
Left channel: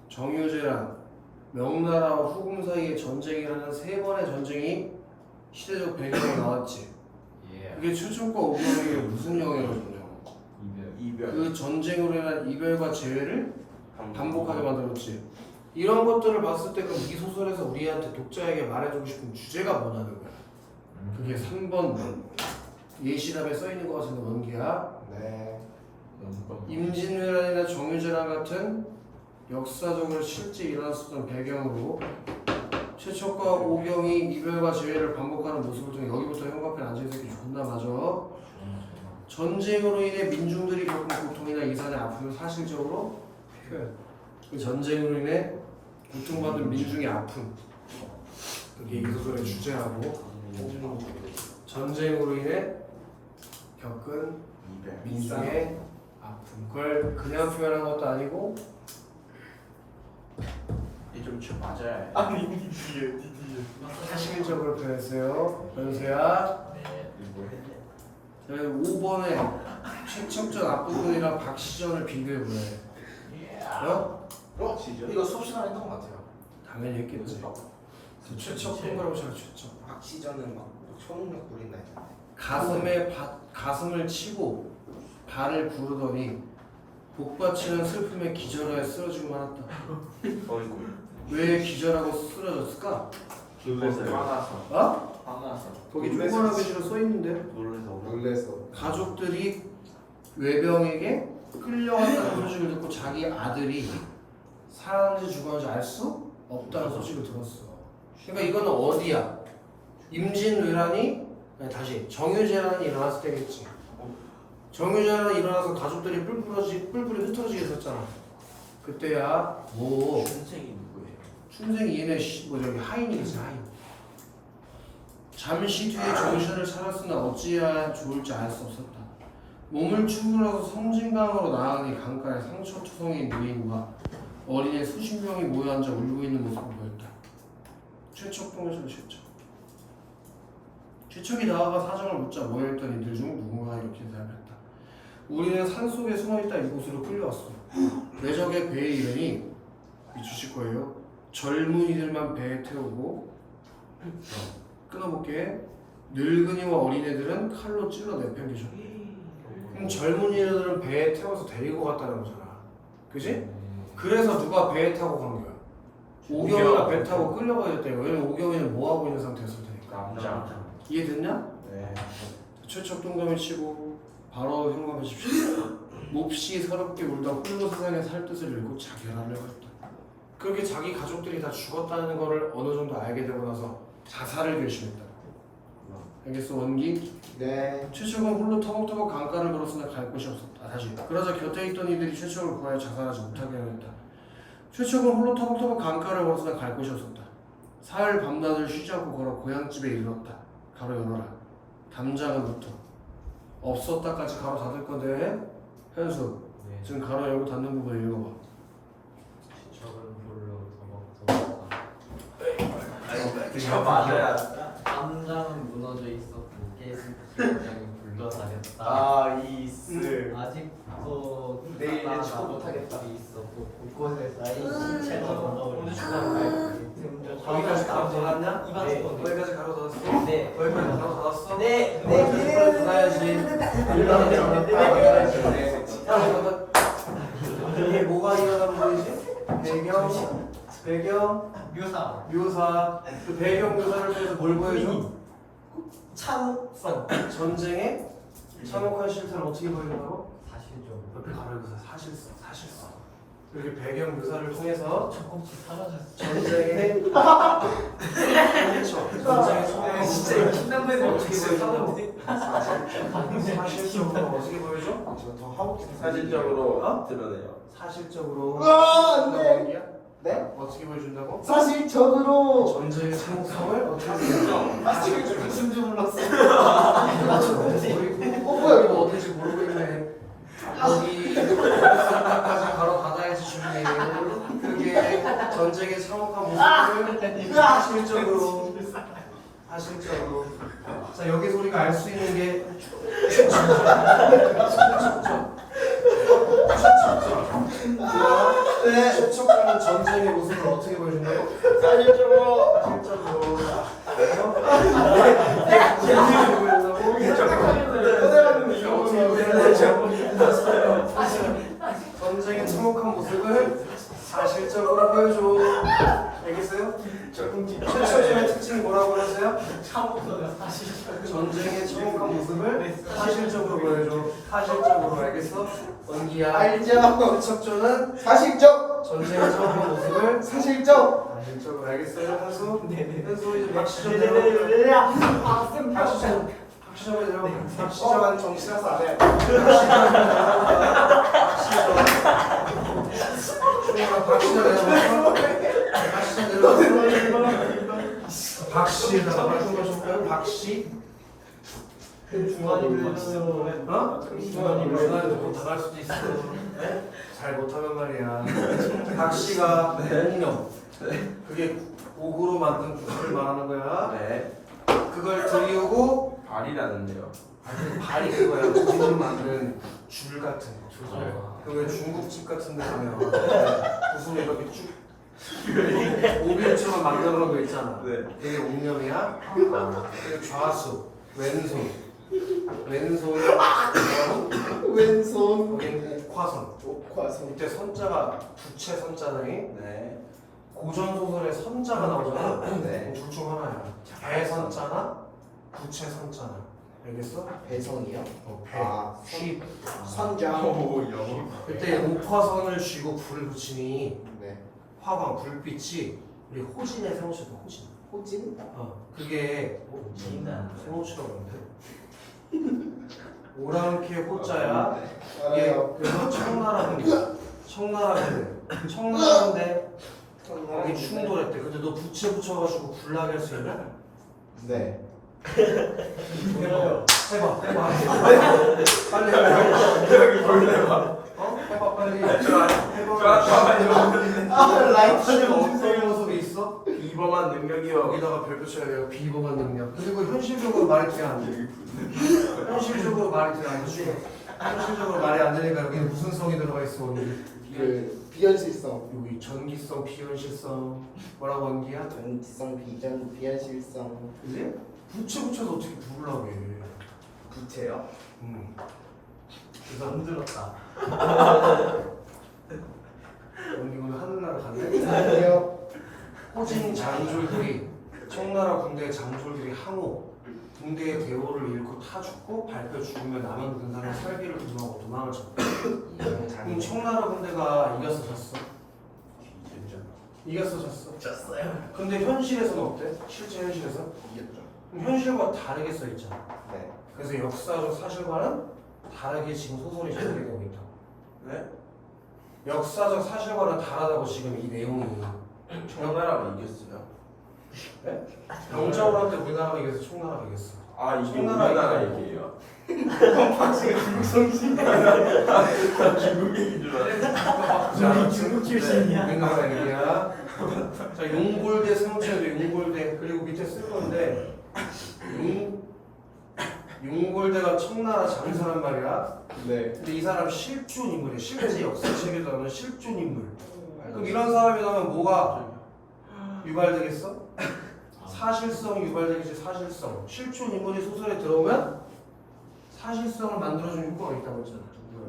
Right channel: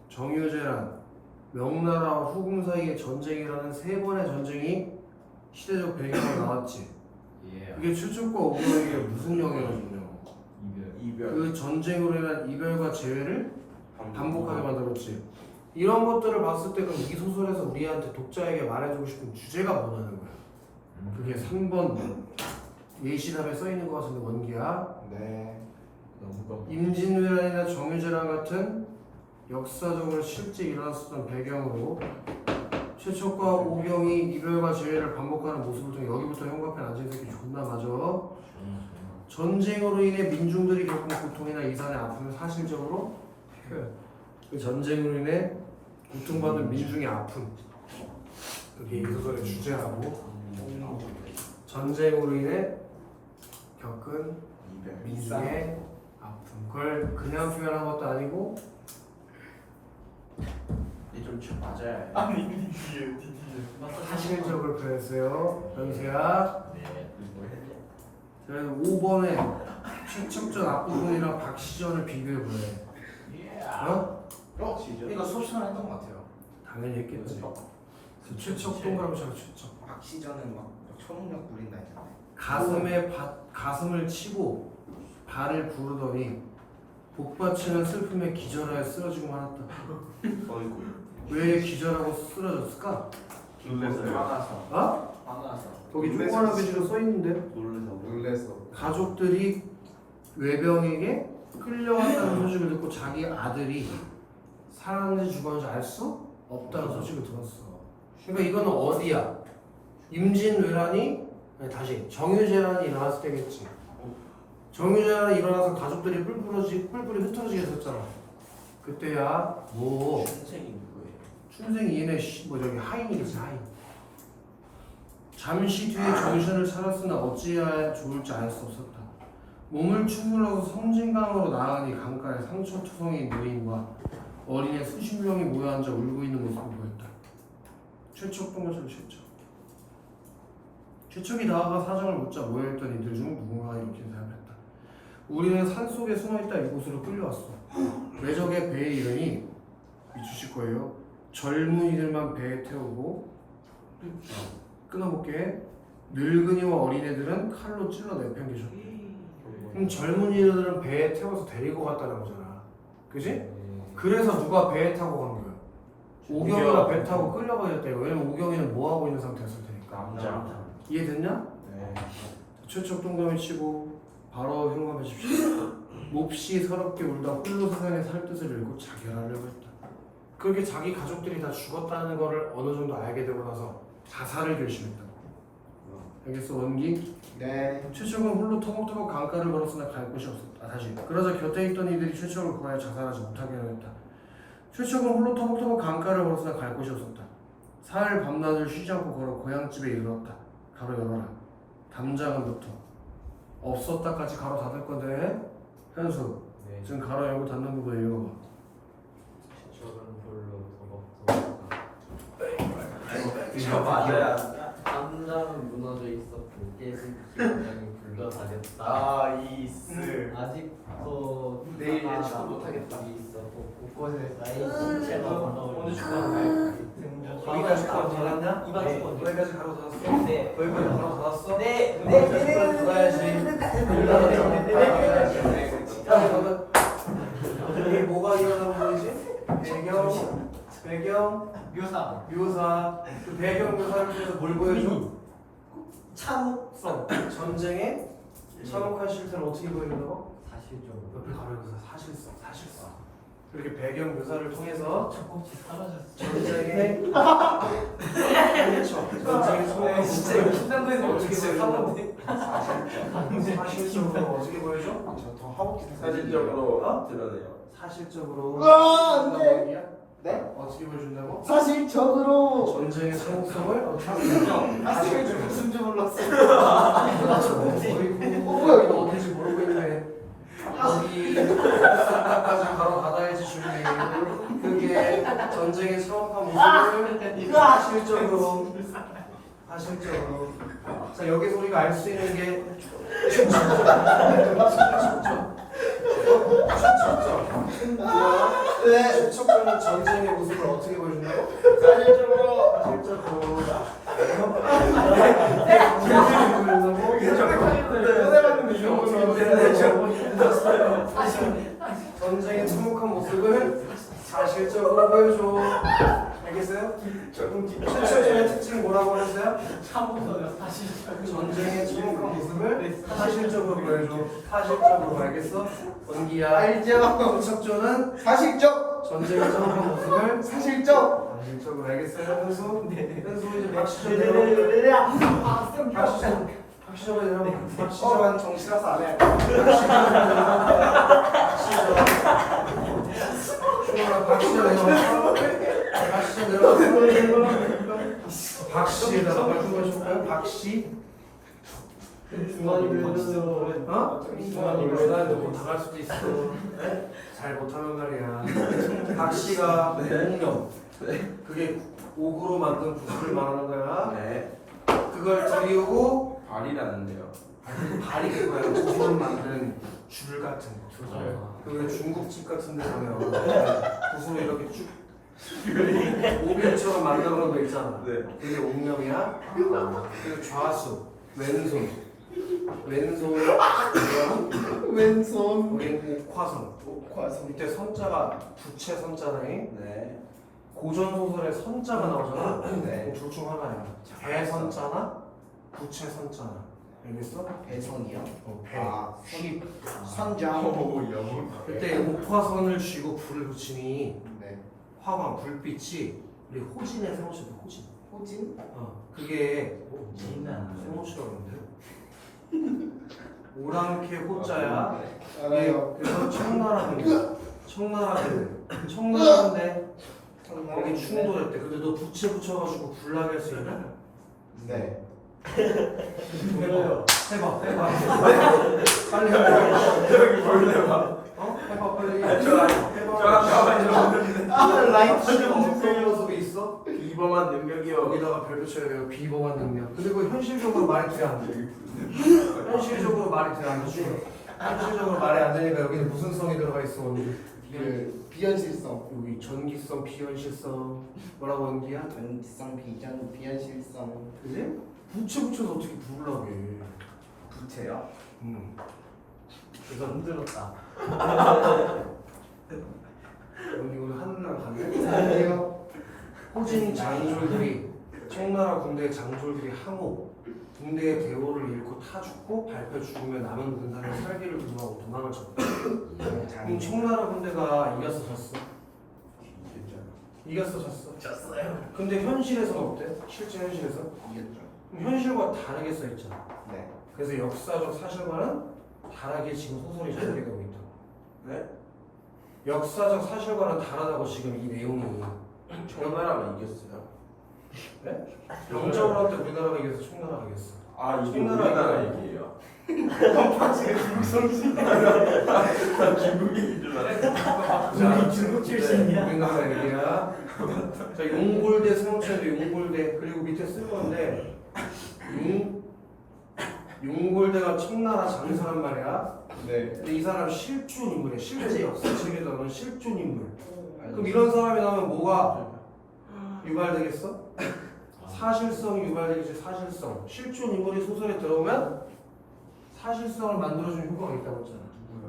정유재란, 명나라와 후금 사이의 전쟁이라는 3번의 전쟁이 시대적 배경으로 나왔지. 이게 최척과 오경에게 무슨 영향을 줬냐고. 이별. 그 전쟁으로 인한 이별과 재회를 반복하게 만들었지. 이런 것들을 봤을 때 그럼 이 소설에서 우리한테 독자에게 말해주고 싶은 주제가 뭐냐는 거야. 그게 3번 예시답에 써있는 것 같은데 원기야. 네. 임진왜란이나 정유재란 같은 역사적으로 실제 일어났었던 배경으로 최척과 오경이 이별과 재회를 반복하는 모습을 통해 여기부터 형광펜 앉은 새끼 존나 맞아. 전쟁으로 인해 민중들이 겪은 고통이나 이산의 아픔을 사실적으로 표현. 그 전쟁으로 인해 고통받은 민중의 아픔. 그게 이 소설의 주제라고. 전쟁으로 인해 겪은 민중의 아픔. 그걸 그냥 표현한 것도 아니고 이좀 맞아요. 사실적으로 표현했어요. 변수야. 자, 5번에 최첨전 앞부분이랑 박시전을 비교해보래. 어? 이거 수업 시간에 했던 것 같아요. 당연히 했겠지. 그래서 최척 동그라미 쳐서 최척. 박시전은 막 초능력 부린다 했잖아. 가슴을 치고 발을 구르더니 복받치는 슬픔에 기절하여 쓰러지고 말았다. 어이구. 왜 기절하고 쓰러졌을까? 놀래서요. 어? 화나서. 거기 조그만한 글씨로 써 있는데 놀래서. 가족들이 외병에게 끌려갔다는 소식을 듣고 자기 아들이 살았는지 죽었는지 알 수 없다는 소식을 들었어. 그러니까 이거는 어디야? 임진왜란이 아니, 다시 정유재란이 일어났을 때겠지. 정유재란이 일어나서 가족들이 뿔뿔이 흩어지게 됐잖아. 그때야 뭐 춘책이 누구예요? 춘생이 얘네 뭐 저기 하인이겠지 하인. 잠시 뒤에 정신을 차렸으나 어찌해야 좋을지 알 수 없었다. 몸을 추물하고 섬진강으로 나아가니 강가에 상처투성이 노인과 어린애 수십 명이 모여 앉아 울고 있는 모습을 보였다. 최척동에서 최척이 나아가 사정을 묻자 모여있던 이들 중 누군가 이렇게 대답했다. 우리는 산속에 숨어있다 이곳으로 끌려왔어. 외적의 배에 이르니 미치실 거예요. 젊은이들만 배에 태우고 끊어볼게. 늙은이와 어린애들은 칼로 찔러 내팽개줘. 그럼 젊은이들은 배에 태워서 데리고 갔다는 거잖아. 그지? 그래서 누가 배에 타고 간 거야? 오경이가 배 타고 끌려가야 됐다. 왜냐면 오경이는 뭐 하고 있는 상태였을 테니까. 남자. 이해됐냐? 네. 최척 동감을 치고 바로 현관하십시오. 몹시 서럽게 울다 홀로 세상에 살 뜻을 잃고 자결하려고 했다. 그렇게 자기 가족들이 다 죽었다는 거를 어느 정도 알게 되고 나서 자살을 결심했다. 알겠어 원기? 네. 최척은 홀로 터벅터벅 강가를 걸었으나 갈 곳이 없었다. 다시. 그러자 곁에 있던 이들이 최척을 구하여 자살하지 못하게 하였다. 최척은 홀로 터벅터벅 강가를 걸었으나 갈 곳이 없었다. 사흘 밤낮을 쉬지 않고 걸어 고향집에 이르렀다. 가로 열어라. 담장은 붙어. 없었다까지 가로 닫을 건데 현수 네. 지금 가로 열고 닫는 부분 읽어봐. 저는 별로 더벅더벅. 이거 맞아야. 담장은 무너져 있었고 깨진 기장이 굴러다녔다. 나이스. 아직도 내일은 축구 못하겠다. 있었고 곳곳에 쌓인 언제 신체가 축구하는 여기까지 가로 닫았냐? 네. 여기까지 가로 닫았어? 네. 여기까지 가로 닫았어? 네. 여기까지 가로 닫아야지. 이게 뭐가 일어나는 거지? 배경, 묘사. 그 배경 묘사를 통해서 뭘 보여줘? 참혹성. 전쟁의 참혹한 실태를 어떻게 보여준다고? 사실적으로 옆에 가로 묘사, 사실성. 이렇게 배경 묘사를 통해서 전쟁의 전쟁의 진짜 이거 신난거에서 어떻게 보여줘? 사실적으로 어떻게 보여줘? 저더 하고 싶은 사실적으로 드러내요. 사실적으로 안 돼. 네? 어떻게 보여준다고? 사실적으로. 전쟁의 참혹성을 어떻게 보여줘? 사실적으로 무슨 줄 몰랐어. 뭐야 이거 어딘지 모르고 있네. 여기 상가까지 바로 닫아야지 준비. 그게 전쟁의 참혹한 모습을 사실적으로. 자 여기서 우리가 알 수 있는 게 네. 추측하는 전쟁의 모습을 어떻게 보여준다고? 사실적으로. 전쟁의 참혹한 모습을 사실적으로 보여줘. 알겠어요? 최초의 특징이 뭐라고 그랬어요? 전쟁의 참혹한 모습을 사실적으로 보여줘. 사실적으로 알겠어? 은기야. 알죠. 척조는 사실적. 전쟁의 참혹한 모습을 사실적. 사실적으로 알겠어요? 현수? 현수 이제 박시정 내려가. 박시정에 들어가. 박시정한 정치라서 안 해. 박씨에다가 바꿔줄까요? 박씨? 중간이면 어? 중간이면 다갈 수도 있어. 잘 못하는 말이야. 박씨가 옥령. 그게 옥으로 만든 구슬을 말하는 거야. 네. 그걸 들이우고 발이라는데요. 발이 그거야. 옥으로 만든 줄 같은 줄. 그 왜 중국집 같은 데 가면 무슨 이렇게 쭉 오비처럼 만들어놓은 거 있잖아. 네. 그게 운명이야. 그리고 좌수, 왼손, 왼손, 왼손 여기 옥화선. 옥화손 이때 선자가 부채 선자당이 네. 고전 소설에 선자가 나오잖아. 네. 둘 중 하나야. 배선자나 부채 선자나. 알겠어? 배선이요? 배. 아, 휘. 선장 오 영어. 그때 옥화선을 쥐고 불을 붙이니 네 화광 불빛이 우리 호진의 세모치도 호진. 호진 그게 세모치라고 그러는데 오랑캐 호자야. 이게 알아요 그래서 청나라군데 청나라군데 여기 충돌했대. 근데 너 부채 붙여가지고 불나게 할 수 있냐? 네 해봐. 빨리 해봐. 여기 볼래봐. 어? 해봐 빨리. 좋아. 아 라이트 어떤 모습이 있어? 비범한 능력이요. 여기다가 별 붙여야 돼요. 비범한 능력. 그리고 현실적으로 말이 돼 안 돼? 현실적으로 말이 돼 안 돼? 현실적으로 말이 안 되니까 여기 무슨 성이 들어가 있어? 그 비현실성 여기 전기성, 비현실성 뭐라고 원기야? 전지성 비전 비현실성 그지? 부채 붙여서 어떻게 부르려고 해? 부채요? 그래서 힘들었다. 여기 오늘 하늘나라 갔네? 아니요 호진 장졸들이 청나라 군대의 장졸들이 항우 군대의 대우를 잃고 타 죽고 밟혀 죽으면 남은 군사는 살기를 두려워 도망을 쳤다. 그럼 청나라 군대가 이겼어 졌어? 이겼어 졌어? 졌어요. 근데 현실에서는 어때? 실제 현실에서? 이겼죠 그럼 현실과 다르게 써있잖아. 네 그래서 역사적 사실과는 다르게 지금 소설이 전개되고 있다고. 네? 역사적 사실과는 다르다고 지금 이 내용이. 청나라가 이겼어요. 네? 영적으로 할 때 우리나라가 이겨서 청나라가 이겼어. 아 이게 청나라 우리나라 얘기예요. 얘기예요. 중국 얘기인 줄 알았어. 자, 중국 출신이야. 우리나라 얘기야. 자, 용골대 성체도 용골대 그리고 밑에 쓴 건데 용골대가 청나라 장수란 말이야. 네. 근데 이 사람 실존 인물이야. 실제 역사책에 나오는 실존 인물. 그럼 이런 사람이 나오면 뭐가 유발되겠어? 사실성이 유발되겠지. 사실성. 실존 인물이 소설에 들어오면 사실성을 만들어주는 효과가 있다고 했잖아.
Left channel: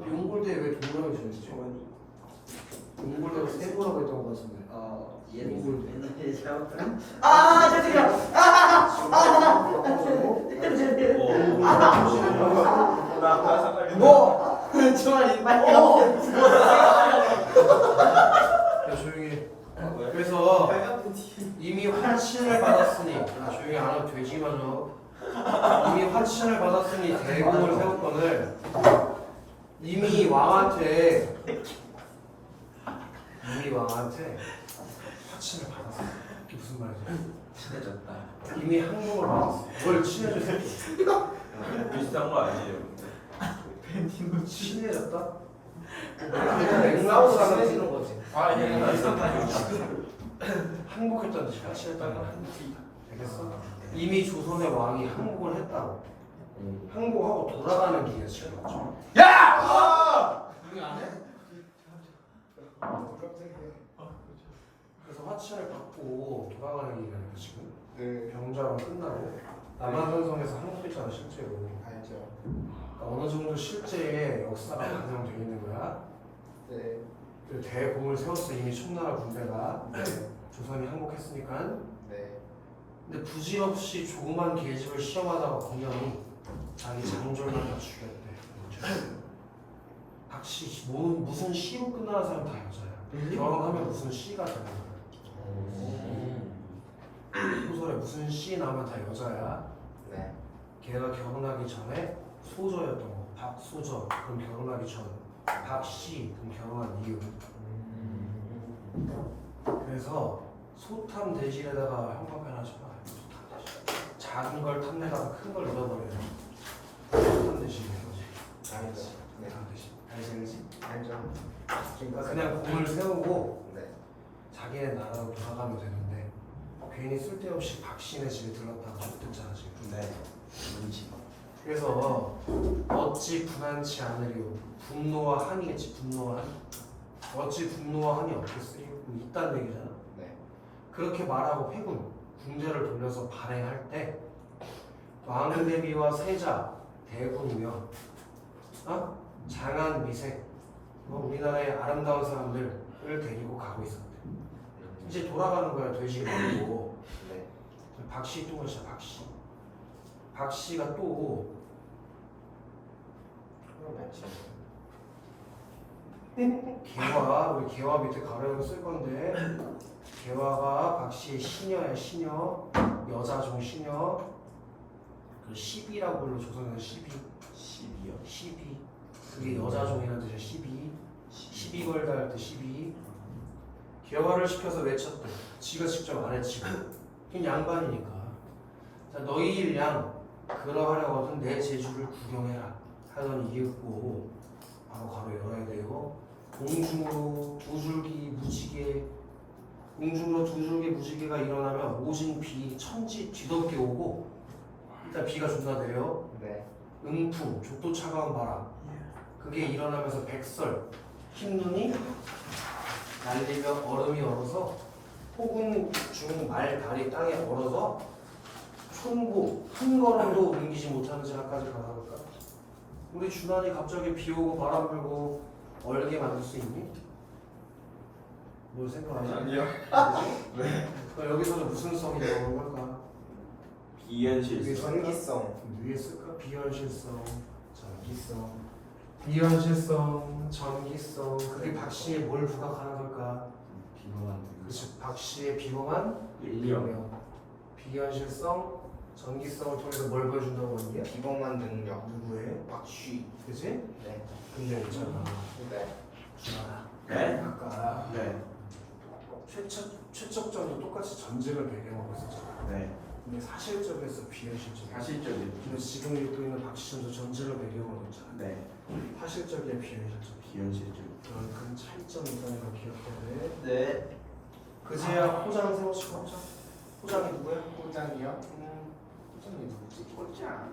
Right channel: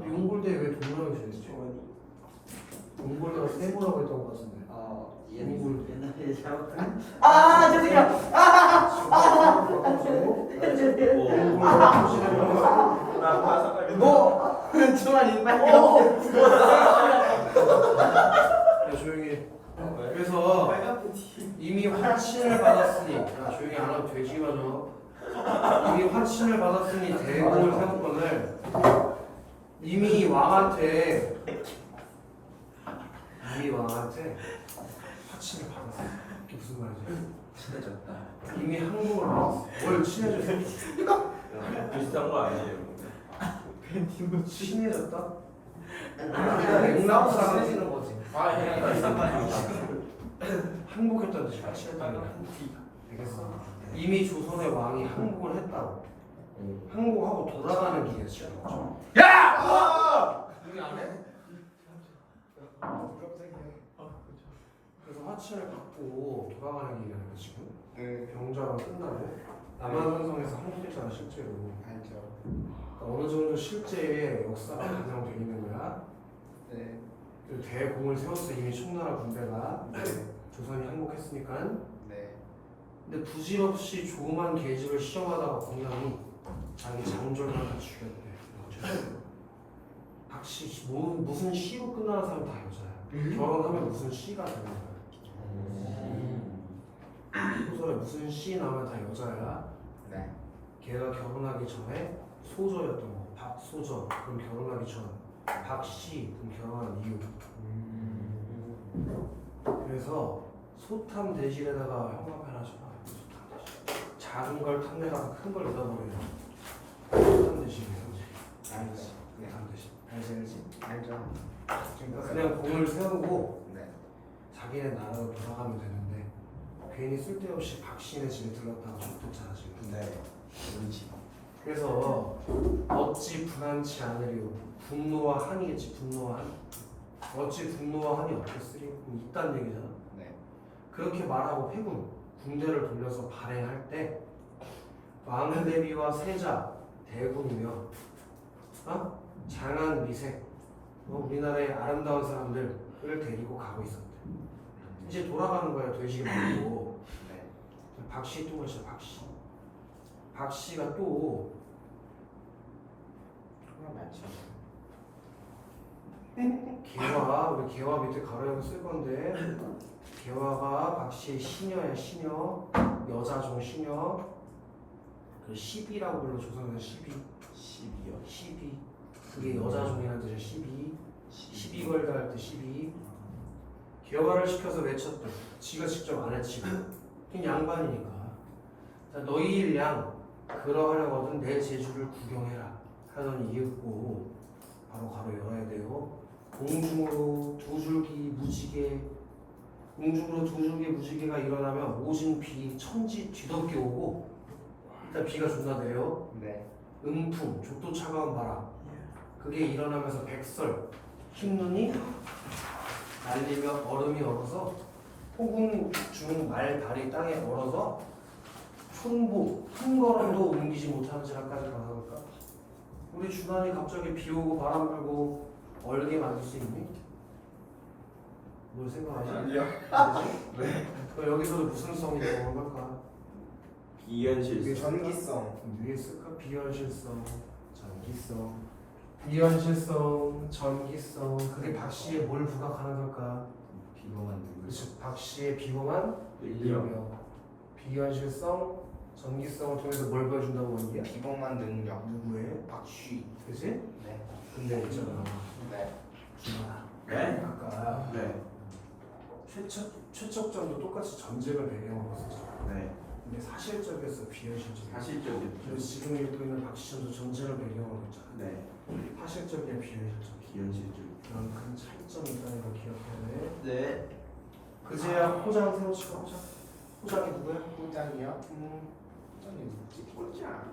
용골대에 왜 동물하게 지냈지? 용골대가 세모라고 했던 것 같은데. 옛날에 잘못한. 아 죄송해요 뭐? 저만 인발요 조용히 해. 그래서 이미 화친을 받았으니 조용히 안 하면 되지마죠. 이미 화친을 받았으니 대공을 세웠건을 이미 왕한테 화친을 받았어. 이게 무슨 말이지? 친해졌다. 이미 항복을 받았어. 뭘 친해졌어? 비슷한 거 아니에요? 친해졌다? 맥락으로 친해지는 거지 아 항복했다는 뜻이 화친했다는 거야. 알겠어. 이미 조선의 왕이 항복을 했다고. 항복하고 돌아가는 길이야 지금. 야! 우리 안 해? 그래서 화친을 받고 돌아가는 길이야 지금. 네 병자가 끝나고 남한산성에서 항복했잖아 실제로. 알죠 그러니까 어느 정도 실제 역사가 반영되어 있는 거야. 네 그 대공을 세웠어 이미 청나라 군대가. 조선이 항복했으니까. 네. 근데 부질없이 조그만 계집을 시험하다가 공연이 자기 장졸을 하나 죽였대. 각시 무슨 시로 끝나는 사람 다 여자야. 결혼하면 무슨 시가 되는 거야. 소설에 무슨 시 나오면 다 여자야. 네. 걔가 결혼하기 전에 소저였던 거. 박소저. 그럼 결혼하기 전. 박씨. 그럼 결혼한 이유. 그래서 소탐 대실에다가 형광펜 하나 쳐봐. 작은 걸 탐내다가 큰 걸 얻어버려요. 소탐 대실이에요. 알지 네, 탐 대실. 알죠 그냥 공을 세우고 네 자기네 나라로 돌아가면 되는데 괜히 쓸데없이 박신의 집에 들렀다가 쫓겼잖아 지금. 네. 우리 집. 그래서 어찌 분한치 않으리요. 분노와 한이겠지. 분노와 한. 어찌 분노와 한이 없겠으리. 있다는 얘기잖아. 네. 그렇게 말하고 회군 군대를 돌려서 발행할 때 왕대비와 세자 대군이며 장한 미색 우리나라의 아름다운 사람들을 데리고 가고 있었대. 이제 돌아가는 거야. 돼지를 데리고. 네. 박씨 또 것이야. 박씨. 박씨가 또 개화, 우리 개화 밑에 가로약을 쓸 건데 개화가 박씨의 시녀야. 시녀, 여자종 시녀. 그 시비라고 불러. 조선에서 시비. 12요. 시비. 그게 여자종이라는 뜻이야. 시비. 시비 걸다 할 때 시비. 개화를 시켜서 외쳤대. 지가 직접 안 했지. 그냥 양반이니까. 자, 너희 일양 그러하려거든 내 제주를 구경해라 하더니 이윽고 바로 가로 열어야 돼요. 공중으로 두 줄기 무지개, 공중으로 두 줄기 무지개가 일어나면 오진 비 천지 뒤덮게 오고 일단 비가 존나 내려. 네. 음풍 족도 차가운 바람 그게 일어나면서 백설 흰눈이 날리며 얼음이 얼어서 폭운 중 말 다리 땅에 얼어서 촌보 한 걸음도 옮기지 못하는 지역까지 가볼까? 우리 주단이 갑자기 비 오고 바람 불고 얼게 만들 수 있니? 뭐 생각하지? 아니요. 그럼 여기서도 무슨 성이 나오는 걸까? 비현실성. 전기성. 위에 쓸까? 비현실성, 전기성, 비현실성, 전기성. 그게 박씨에 뭘 부각하는 걸까? 비범한 등. 그치, 박씨의 비범한 능력. 비현실성, 전기성을 통해서 뭘 보여준다고 했냐? 비범한 능력. 누구의? 박쉬. 그치? 네. 근데 있잖아. 네. 주만아. 네? 아까 네. 최척전도 똑같이 전쟁을 배경으로 했었잖아. 네. 근데 사실적이었어, 비현실적이야. 사실적인. 근데 지금 읽고 있는 박씨전도 전쟁을 배경으로 했잖아. 네. 사실적이야, 비현실적이야. 비현실적인. 그런 큰 차이점이 있다는 걸 기억해야 돼. 네. 그제야 호장 세워치고 호장. 호장이 누구야? 호장이요? 호장이 누구지? 호장.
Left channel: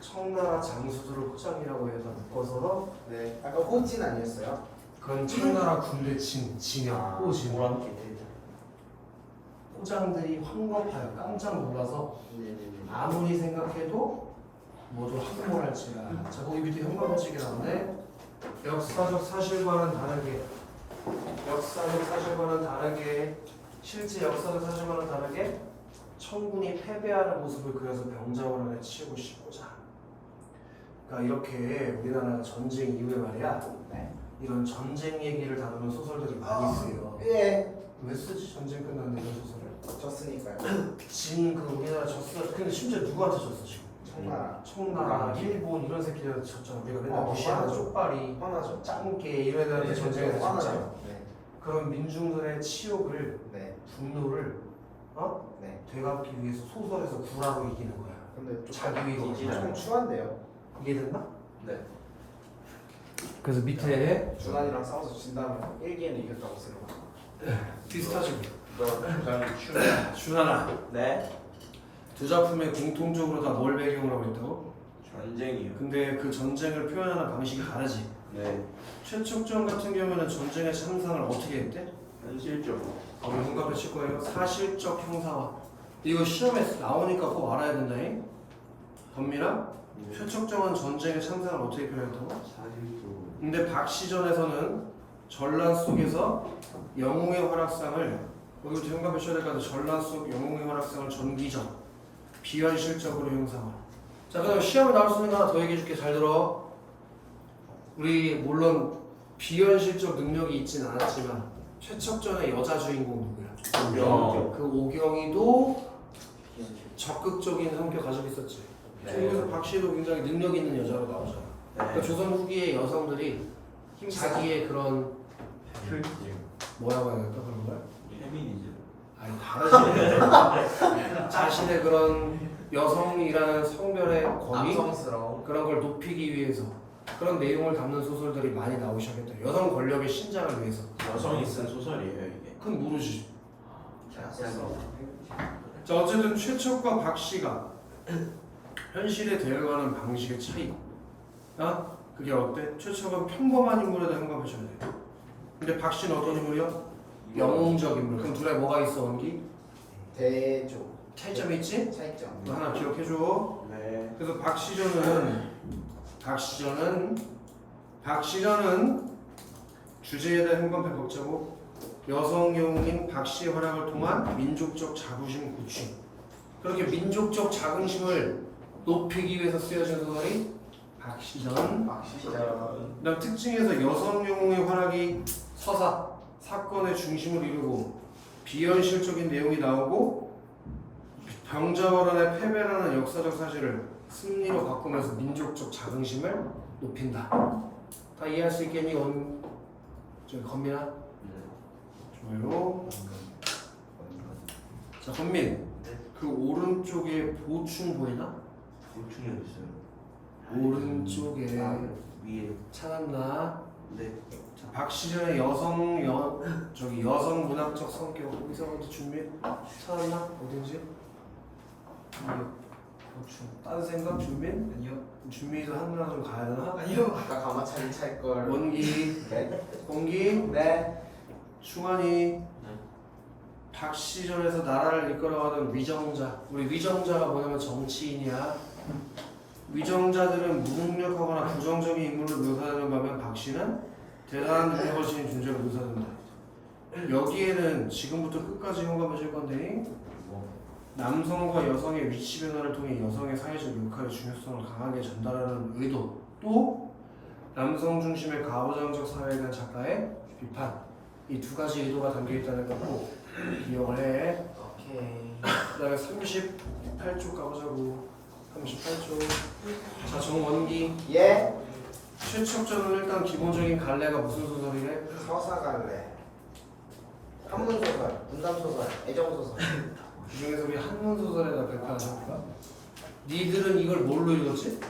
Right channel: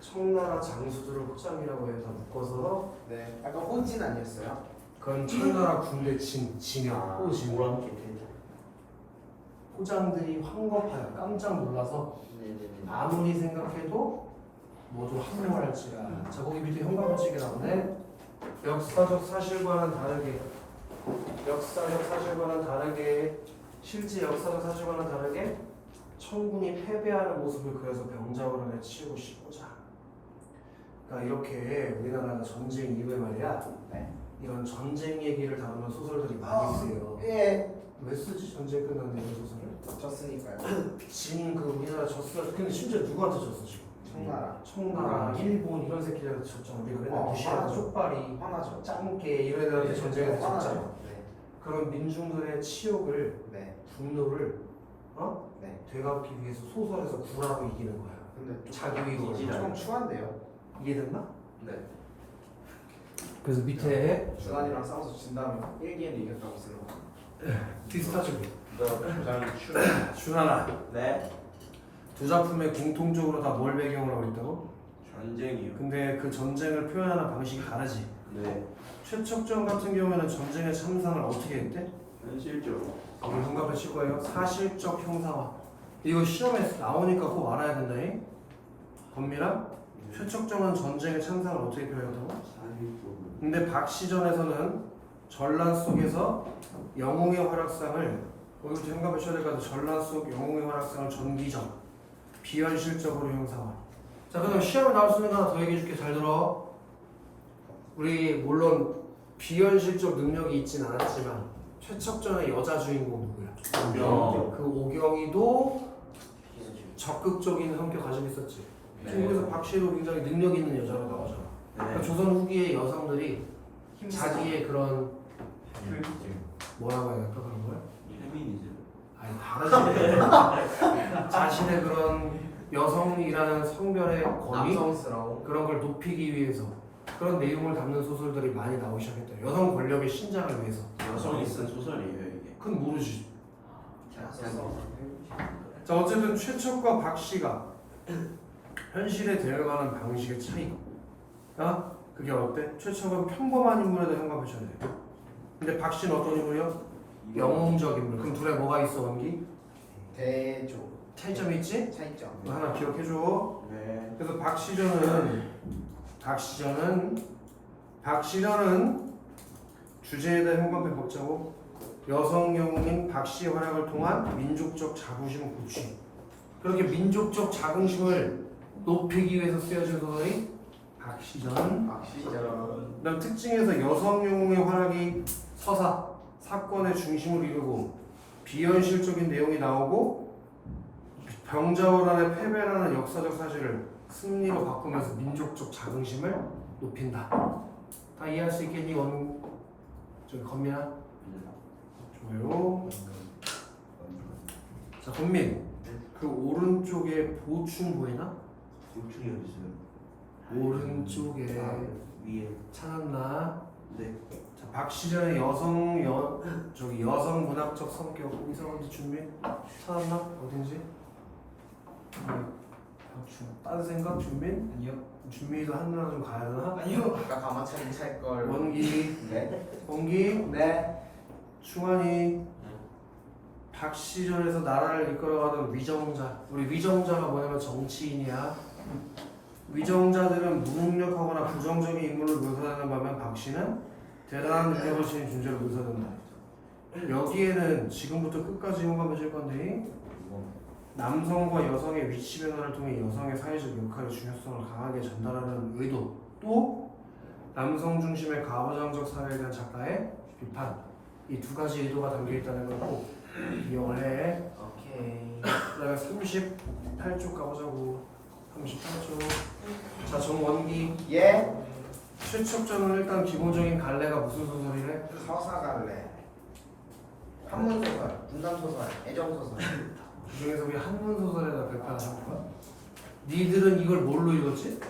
청나라 장수들을 호장이라고 해서 묶어서 네. 아까 호진 아니었어요? 그건 청나라 군대 진의 호진. 호장들이 황급하여 깜짝 놀라서 네네네. 아무리 생각해도 모두 항모할지라. 자, 거기 밑에 현관문책이 나오네. 역사적 사실과는 다르게, 실제 역사적 사실과는 다르게 청군이 패배하는 모습을 그려서 병자호란에 치우고 싶고자. 그러니까 이렇게 우리나라가 전쟁 이후에 말이야, 이런 전쟁 얘기를 다루는 소설들이 많이 있어요. 예. 왜 쓰지? 전쟁 끝났는데 이런 소설을? 졌으니까요. 그 우리나라 졌어. 근데 심지어 누구한테 졌어 지금? 청나라. 청나라, 일본 이런 새끼들한테 졌잖아. 우리가 맨날 무시하는 화나죠. 쪽발이, 화나죠. 짱깨 이런 애들한테 전쟁에서 졌잖아. 화나죠. 네. 그런 민중들의 치욕을, 네. 분노를 네. 되갚기 위해서 소설에서 구라로 이기는 거야. 근데 자기 의지. 조금 추한데요. 이해됐나? 네. 그래서 밑에 주한이랑 싸워서 진 다음에 일기에는 이겼다고 써요. 비슷하지. 준하나. 네. 두 작품에 공통적으로 다 뭘 배경으로 하고 있다고? 전쟁이요. 근데 그 전쟁을 표현하는 방식이 다르지. 네. 최척전 같은 경우에는 전쟁의 참상을 어떻게 했대? 현실적으로. 거기 문갑에 칠 거예요. 사실적 형사화. 이거 시험에 나오니까 꼭 알아야 된다잉. 범미랑 최척정은 전쟁의 참상을 어떻게 표현했다고? 사실적으로. 근데 박시전에서는 전란 속에서 영웅의 활약상을 거기부터 현갑에 쳐야 될 것 같아. 전란 속 영웅의 활약상을 전기적, 비현실적으로 형상화. 자, 그다음 시험에 나올 수 있는 거 하나 더 얘기해 줄게. 잘 들어. 우리 물론 비현실적 능력이 있진 않았지만 최척전의 여자 주인공 누구야? 오경. 그 오경이도 적극적인 성격 가지고 있었지. 중국에서 박씨도 굉장히 능력 있는 여자로 나오잖아. 그러니까 조선 후기의 여성들이 자기의 그런 뭐라고 해야 될까 그런 거야? 페미니즘. 아니 다르지. 자신의 그런 여성이라는 성별의 권위 남성스러운. 그런 걸 높이기 위해서 그런 내용을 담는 소설들이 많이 나오기 시작했다. 여성 권력의 신장을 위해서. 여성이 쓴 소설이에요 이게. 그건 모르지. 제가 써서. 자 어쨌든 최척과 박씨가 현실에 대응하는 방식의 차이. 그게 어때? 최초가 평범한 인물에 대해 현관표셔야 돼. 근데 박씨는 어떤 인물이요? 영웅적 인물. 그럼 둘에 뭐가 있어 원기? 대조 차이점이 있지? 차이점. 이거 하나 기억해줘. 네. 그래서 박시전은 주제에 대한 현관표 복제고 여성 영웅인 박씨의 활약을 통한 민족적 자부심 구축. 그렇게 민족적 자긍심을 높이기 위해서 쓰여진 소설이 박시전. 그다음 특징에서 여성 영웅의 활약이 서사, 사건의 중심을 이루고 비현실적인 내용이 나오고 병자호란의 패배라는 역사적 사실을 승리로 바꾸면서 민족적 자긍심을 높인다. 다 이해할 수 있겠니? 저기 건민아? 좋아요. 자 건민, 그 오른쪽에 보충 보이나? 보충이 어딨어요? 오른쪽에 위에. 찾았나? 네. 자 박시전의 저기 여성 문학적 성격 거기서 어디 준비 찾았나? 어딘지? 보충. 다른 생각 준빈? 아니요. 준비해서 하늘나 좀 가야 되나? 아니요. 아까 가마차기 찰걸. 원기, 네. 원기, 네. 충환이, 박시전에서 나라를 이끌어가던 위정자. 우리 위정자가 뭐냐면 정치인이야. 위정자들은 무능력하거나 부정적인 인물을 묘사하는 반면 박씨는 대단한 능력을 지닌 존재를 묘사한다. 여기에는 지금부터 끝까지 현관하실 건데 남성과 여성의 위치 변화를 통해 여성의 사회적 역할의 중요성을 강하게 전달하는 의도, 또 남성 중심의 가부장적 사회에 대한 작가의 비판, 이 두 가지 의도가 담겨 있다는 걸 꼭 기억을 해. 오케이. 그다음에 38쪽 가보자고. 38쪽. 자 정원기. 예. 최척전은 일단 기본적인 갈래가 무슨 소설이래? 서사갈래. 한문소설, 분단소설, 애정소설. 그 중에서 우리 한문 소설에다 발표하나 해볼까? 니들은 이걸 뭘로 읽었지?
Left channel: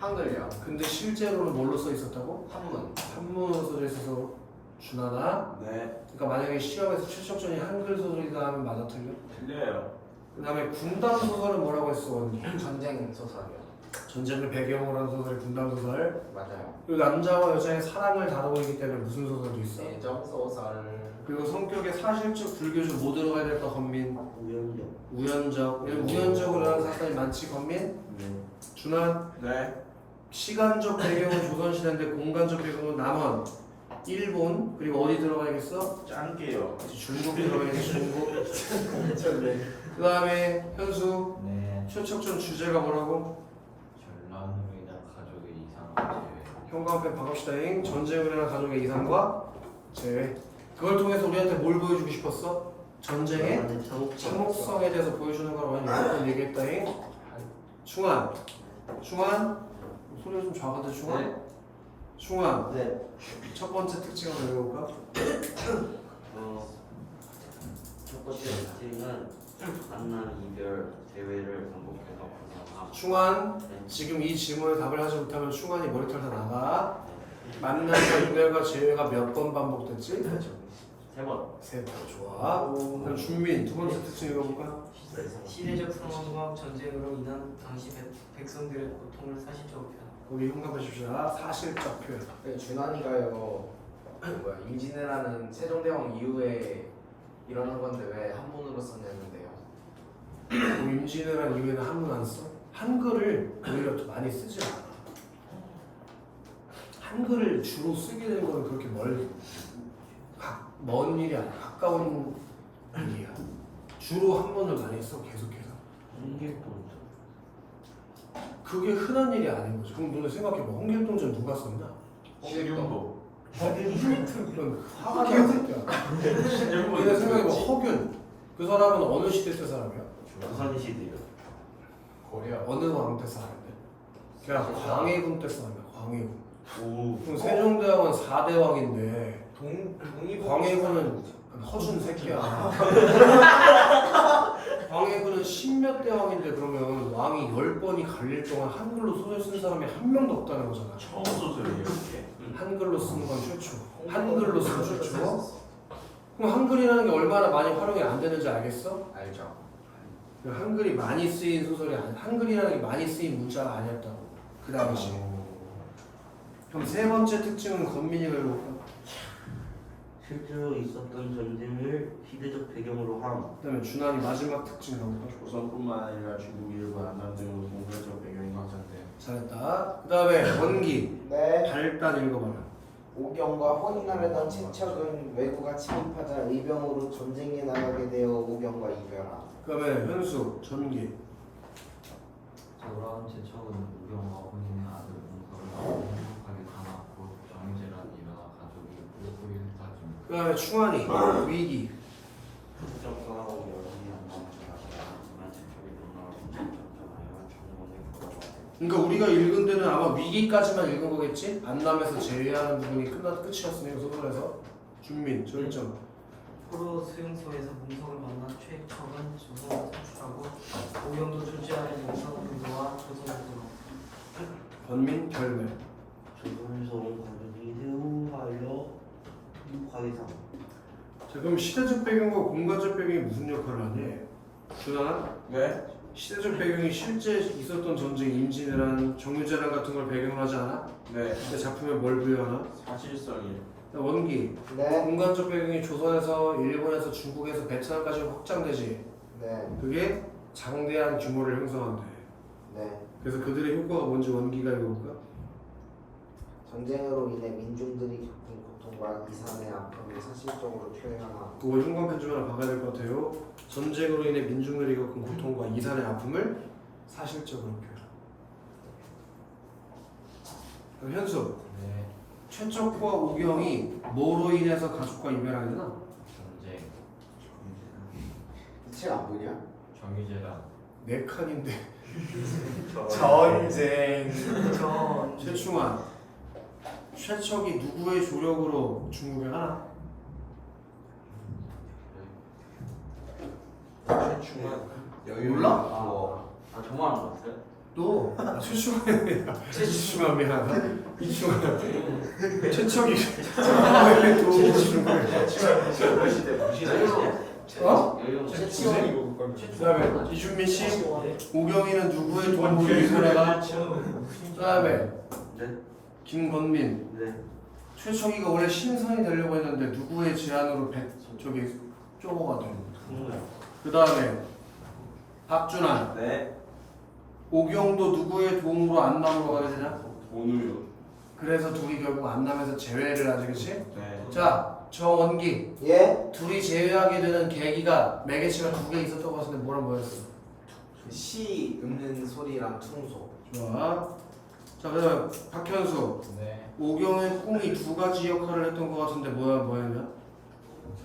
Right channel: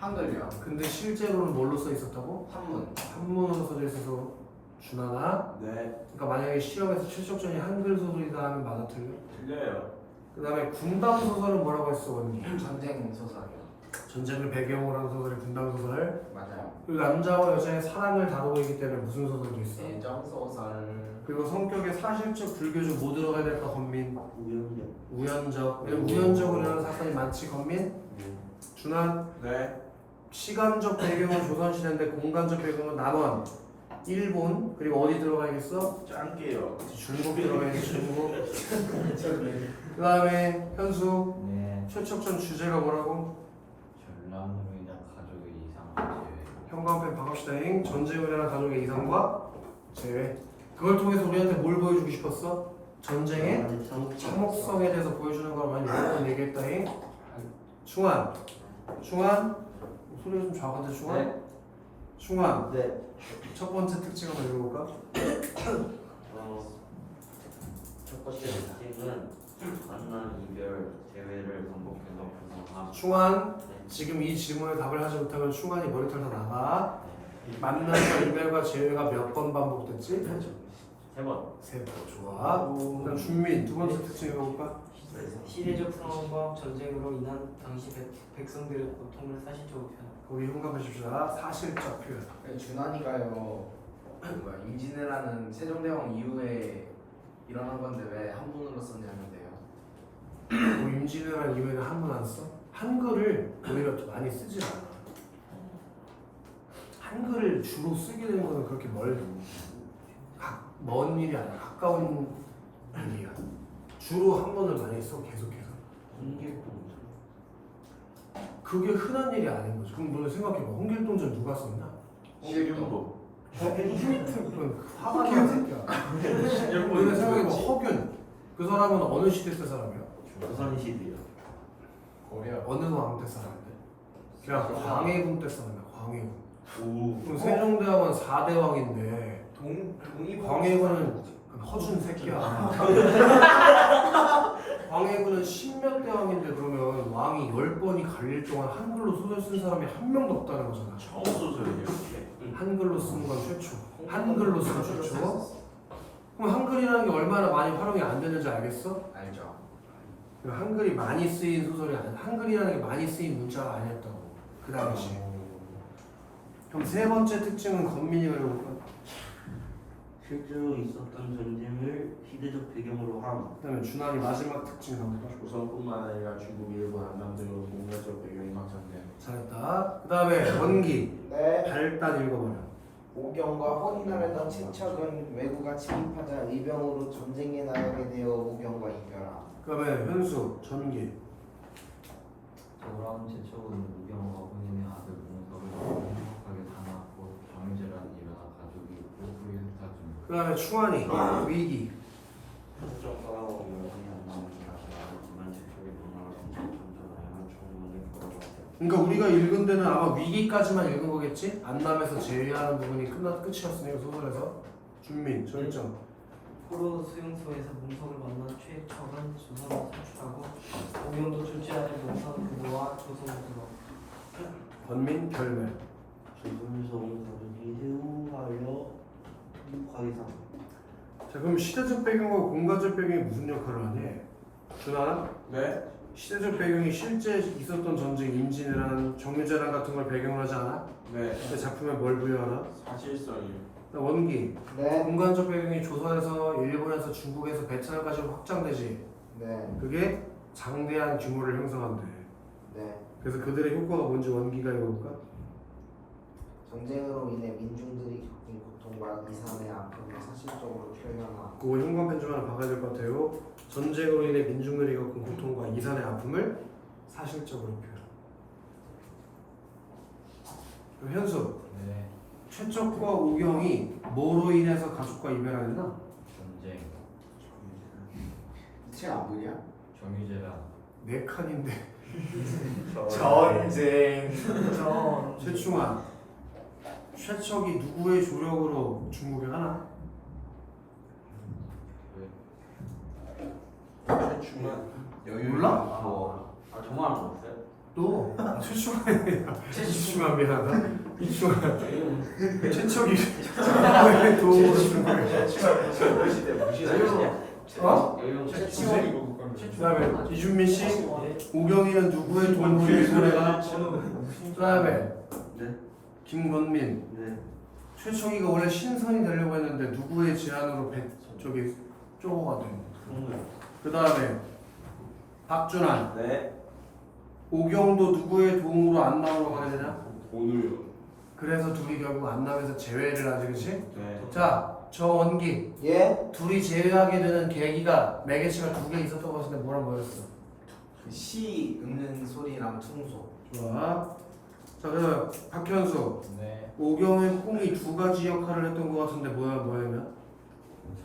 한글요. 근데 실제로는 뭘로 써 있었다고? 한문. 한문 소설에 있어서 준하나? 네. 그러니까 만약에 시험에서 최척전이 한글 소설이다 하면 맞아 틀려? 틀려요. 그 다음에 군담 소설은 뭐라고 했어 원기? 전쟁 소설이요. 전쟁을 배경으로 한 소설이 군담 소설. 맞아요. 그리고 남자와 여자의 사랑을 다루고 있기 때문에 무슨 소설도 있어? 애정소설. 그리고 성격에 사실적, 불교적 뭐 들어가야 될까 건민? 우연요. 우연적. 우연적으로 일어나는 사건이 많지 건민? 네. 준한. 네. 시간적 배경은 조선시대인데 공간적 배경은 남원, 일본, 그리고 어디 들어가야겠어? 짱게요. 중국 들어가야지 중국. 그 다음에 현수. 네. 최척전 주제가 뭐라고? 전란후이나 가족의 이상한 제외. 형광펜 박읍시다잉. 전쟁을 가족의 이상과 제외. 그걸 통해서 우리한테 뭘 보여주고 싶었어? 전쟁의 참혹성에 대해서 보여주는 걸 많이 여러 번 얘기했다잉. 충환. 소리가 좀 작은데 충환? 네. 충환. 네. 첫 번째 특징을 읽어볼까? 첫 번째 특징은 만남, 이별, 재회를 반복해서 구성함. 충환. 지금 이 질문에 답을 하지 못하면 충환이 머리털 다 나가. 만남과 이별과 재회가 몇 번 반복됐지? 3번. 세 번. 좋아. 그다음 준민. 두 번째 특징 읽어볼까? 시대적 상황과 전쟁으로 인한 당시 백성들의 고통을 사실적으로 표현. 거기 흉가해줍시다. 사실적 표현. 준환이가요. 임진왜란은 세종대왕 이후에 일어난 건데 왜 한문으로 썼냐는데요. 뭐 임진왜란 이후에는 한문 안 써? 한글을 오히려 더 많이 쓰질 않아. 한글을 주로 쓰게 되는 거는 그렇게 먼 일이 아니야. 가까운 일이야. 주로 한문을 많이 써. 계속해서. 그게 흔한 일이 아닌 거지. 그럼 너네 생각해봐. 홍길동전 누가 썼나? 홍길동. 그건 화가 나는 새끼야. 너네 생각해봐. 허균. 그 사람은 어느 시대 때 사람이야? 조선시대요. 고려. 어느 왕 때 사람인데? 그냥 광해군 때 사람이야. 광해군. 오. 그럼 세종대왕은 4대 왕인데 동이 광해군은 허준 새끼야. 광해군은 10몇 대 왕인데 그러면 왕이 10번이 갈릴 동안 한글로 소설 쓴 사람이 한 명도 없다는 거잖아. 처음 소설이에요. 한글로 쓰는 건 최초. 한글로 쓰는 최초. 그럼 한글이라는 게 얼마나 많이 활용이 안 되는지 알겠어? 알죠. 한글이 많이 쓰인 소설이 아니야. 한글이라는 게 많이 쓰인 문자가 아니었다고 그 당시. 그럼 세 번째 특징은 건민이가 읽어볼까? 실제로 있었던 전쟁을 시대적 배경으로 함. 그다음에 준환이 마지막 특징 나올까? 조선뿐만 아니라 중국 일부 안남 등으로 공간적 배경이 확산돼. 잘했다. 그다음에 원기 네. 발단 읽어봐요. 오경과 혼인하려던 친척은 왜구가 침입하자 의병으로 전쟁에 나가게 되어 오경과 이별함. 그다음에 현수 전기. 돌아온 제척은 우경과 혼인 아들 문서를 행복하게 담았고 정유재란 일어나 가족이 있고 후일까지. 그다음에 충환이 위기. 국정과 여전히 안 나온 자신은 그만 제쪽에 논란을 선택한다면 전문을 걸어봤다. 그러니까 우리가 읽은 데는 아마 위기까지만 읽은 거겠지? 안남에서 제외하는 부분이 끝이었으니까 소설에서. 준민 절정. 포로 수용소에서 문석을 만나 최첨은 조선을 탈출하고 오경도 출제하는 문서 그도와 조선으로 권민 결매. 조선소 가족이 세우하여 과이상. 자 그럼 시대적 배경과 공간적 배경이 무슨 역할을 하니? 준환? 네. 시대적 배경이 실제 있었던 전쟁, 임진왜란, 정유재란 같은 걸 배경으로 하지 않아? 네. 내 작품에 뭘 부여하나? 사실성이요. 원기. 네. 공간적 배경이 조선에서 일본에서 중국에서 베트남까지 확장되지. 네. 그게 장대한 규모를 형성한대. 네. 그래서 그들의 효과가 뭔지 원기가 읽어볼까? 전쟁으로 인해 민중들이 겪은 고통과 이산의 아픔을 사실적으로 표현함. 그거 형광펜 좀 하나 박아야 될 것 같아요. 전쟁으로 인해 민중들이 겪은 고통과 이산의 아픔을 사실적으로 표현. 그럼 현수. 네. 최적과 오경이 뭐로 인해서 가족과 이별하게 되나? 전쟁. 이 책 안 보냐? 정유재란. 네 칸인데. 전쟁. 최충환. 최척이 누구의 조력으로 중국에 하나? 몰라? 아 정말 안 봤어요? 또 최충환이야. 최충환 미안하다. 이충환. 최척이 누구의 도움으로 중국에? 어? 그다음에 이준민 씨. 오경이는 누구의 도움으로 일본에 가? 그다음에 네. 김건민. 네. 최척이가 원래 신선이 되려고 했는데 누구의 제안으로 저기 쪼고가 돼. 그 다음에 박준환. 네. 오경도 누구의 도움으로 안남으로 가게 되냐? 오늘요. 그래서 둘이 결국 안남에서 제외를 하지, 그치? 네. 자, 정원기. 예? 둘이 제외하게 되는 계기가 매개체가 두 개 있었던 것 같은데 뭐였어? 시 읽는 소리랑 퉁소. 좋아. 자, 그다음 박현수. 네. 오경의 꿈이 두 가지 역할을 했던 것 같은데 뭐였냐?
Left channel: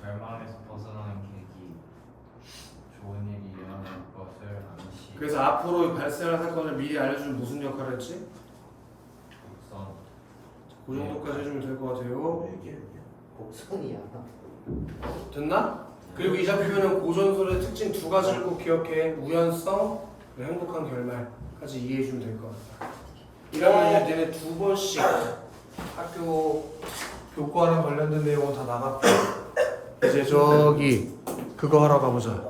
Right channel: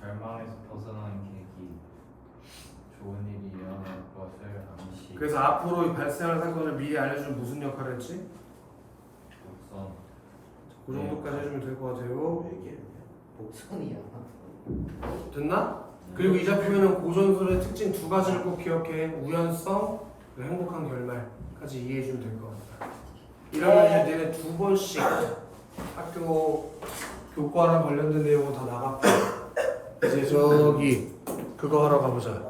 절망에서 벗어나는 계기. 좋은 일이 일어날 것을 암시. 그래서 앞으로 발생할 사건을 미리 알려주는 무슨 역할을 했지? 독선. 그 정도까지 해주면 될 것 같아요. 복선이야. 됐나? 그리고 이 작품에는 고전설의 특징 두 가지를 꼭 기억해. 우연성, 그리고 행복한 결말까지 이해해주면 될 것 같다. 이러면 이제 내내 두 번씩 학교 교과랑 관련된 내용은 다 나갔고 이제 저기 그거 하러 가보자.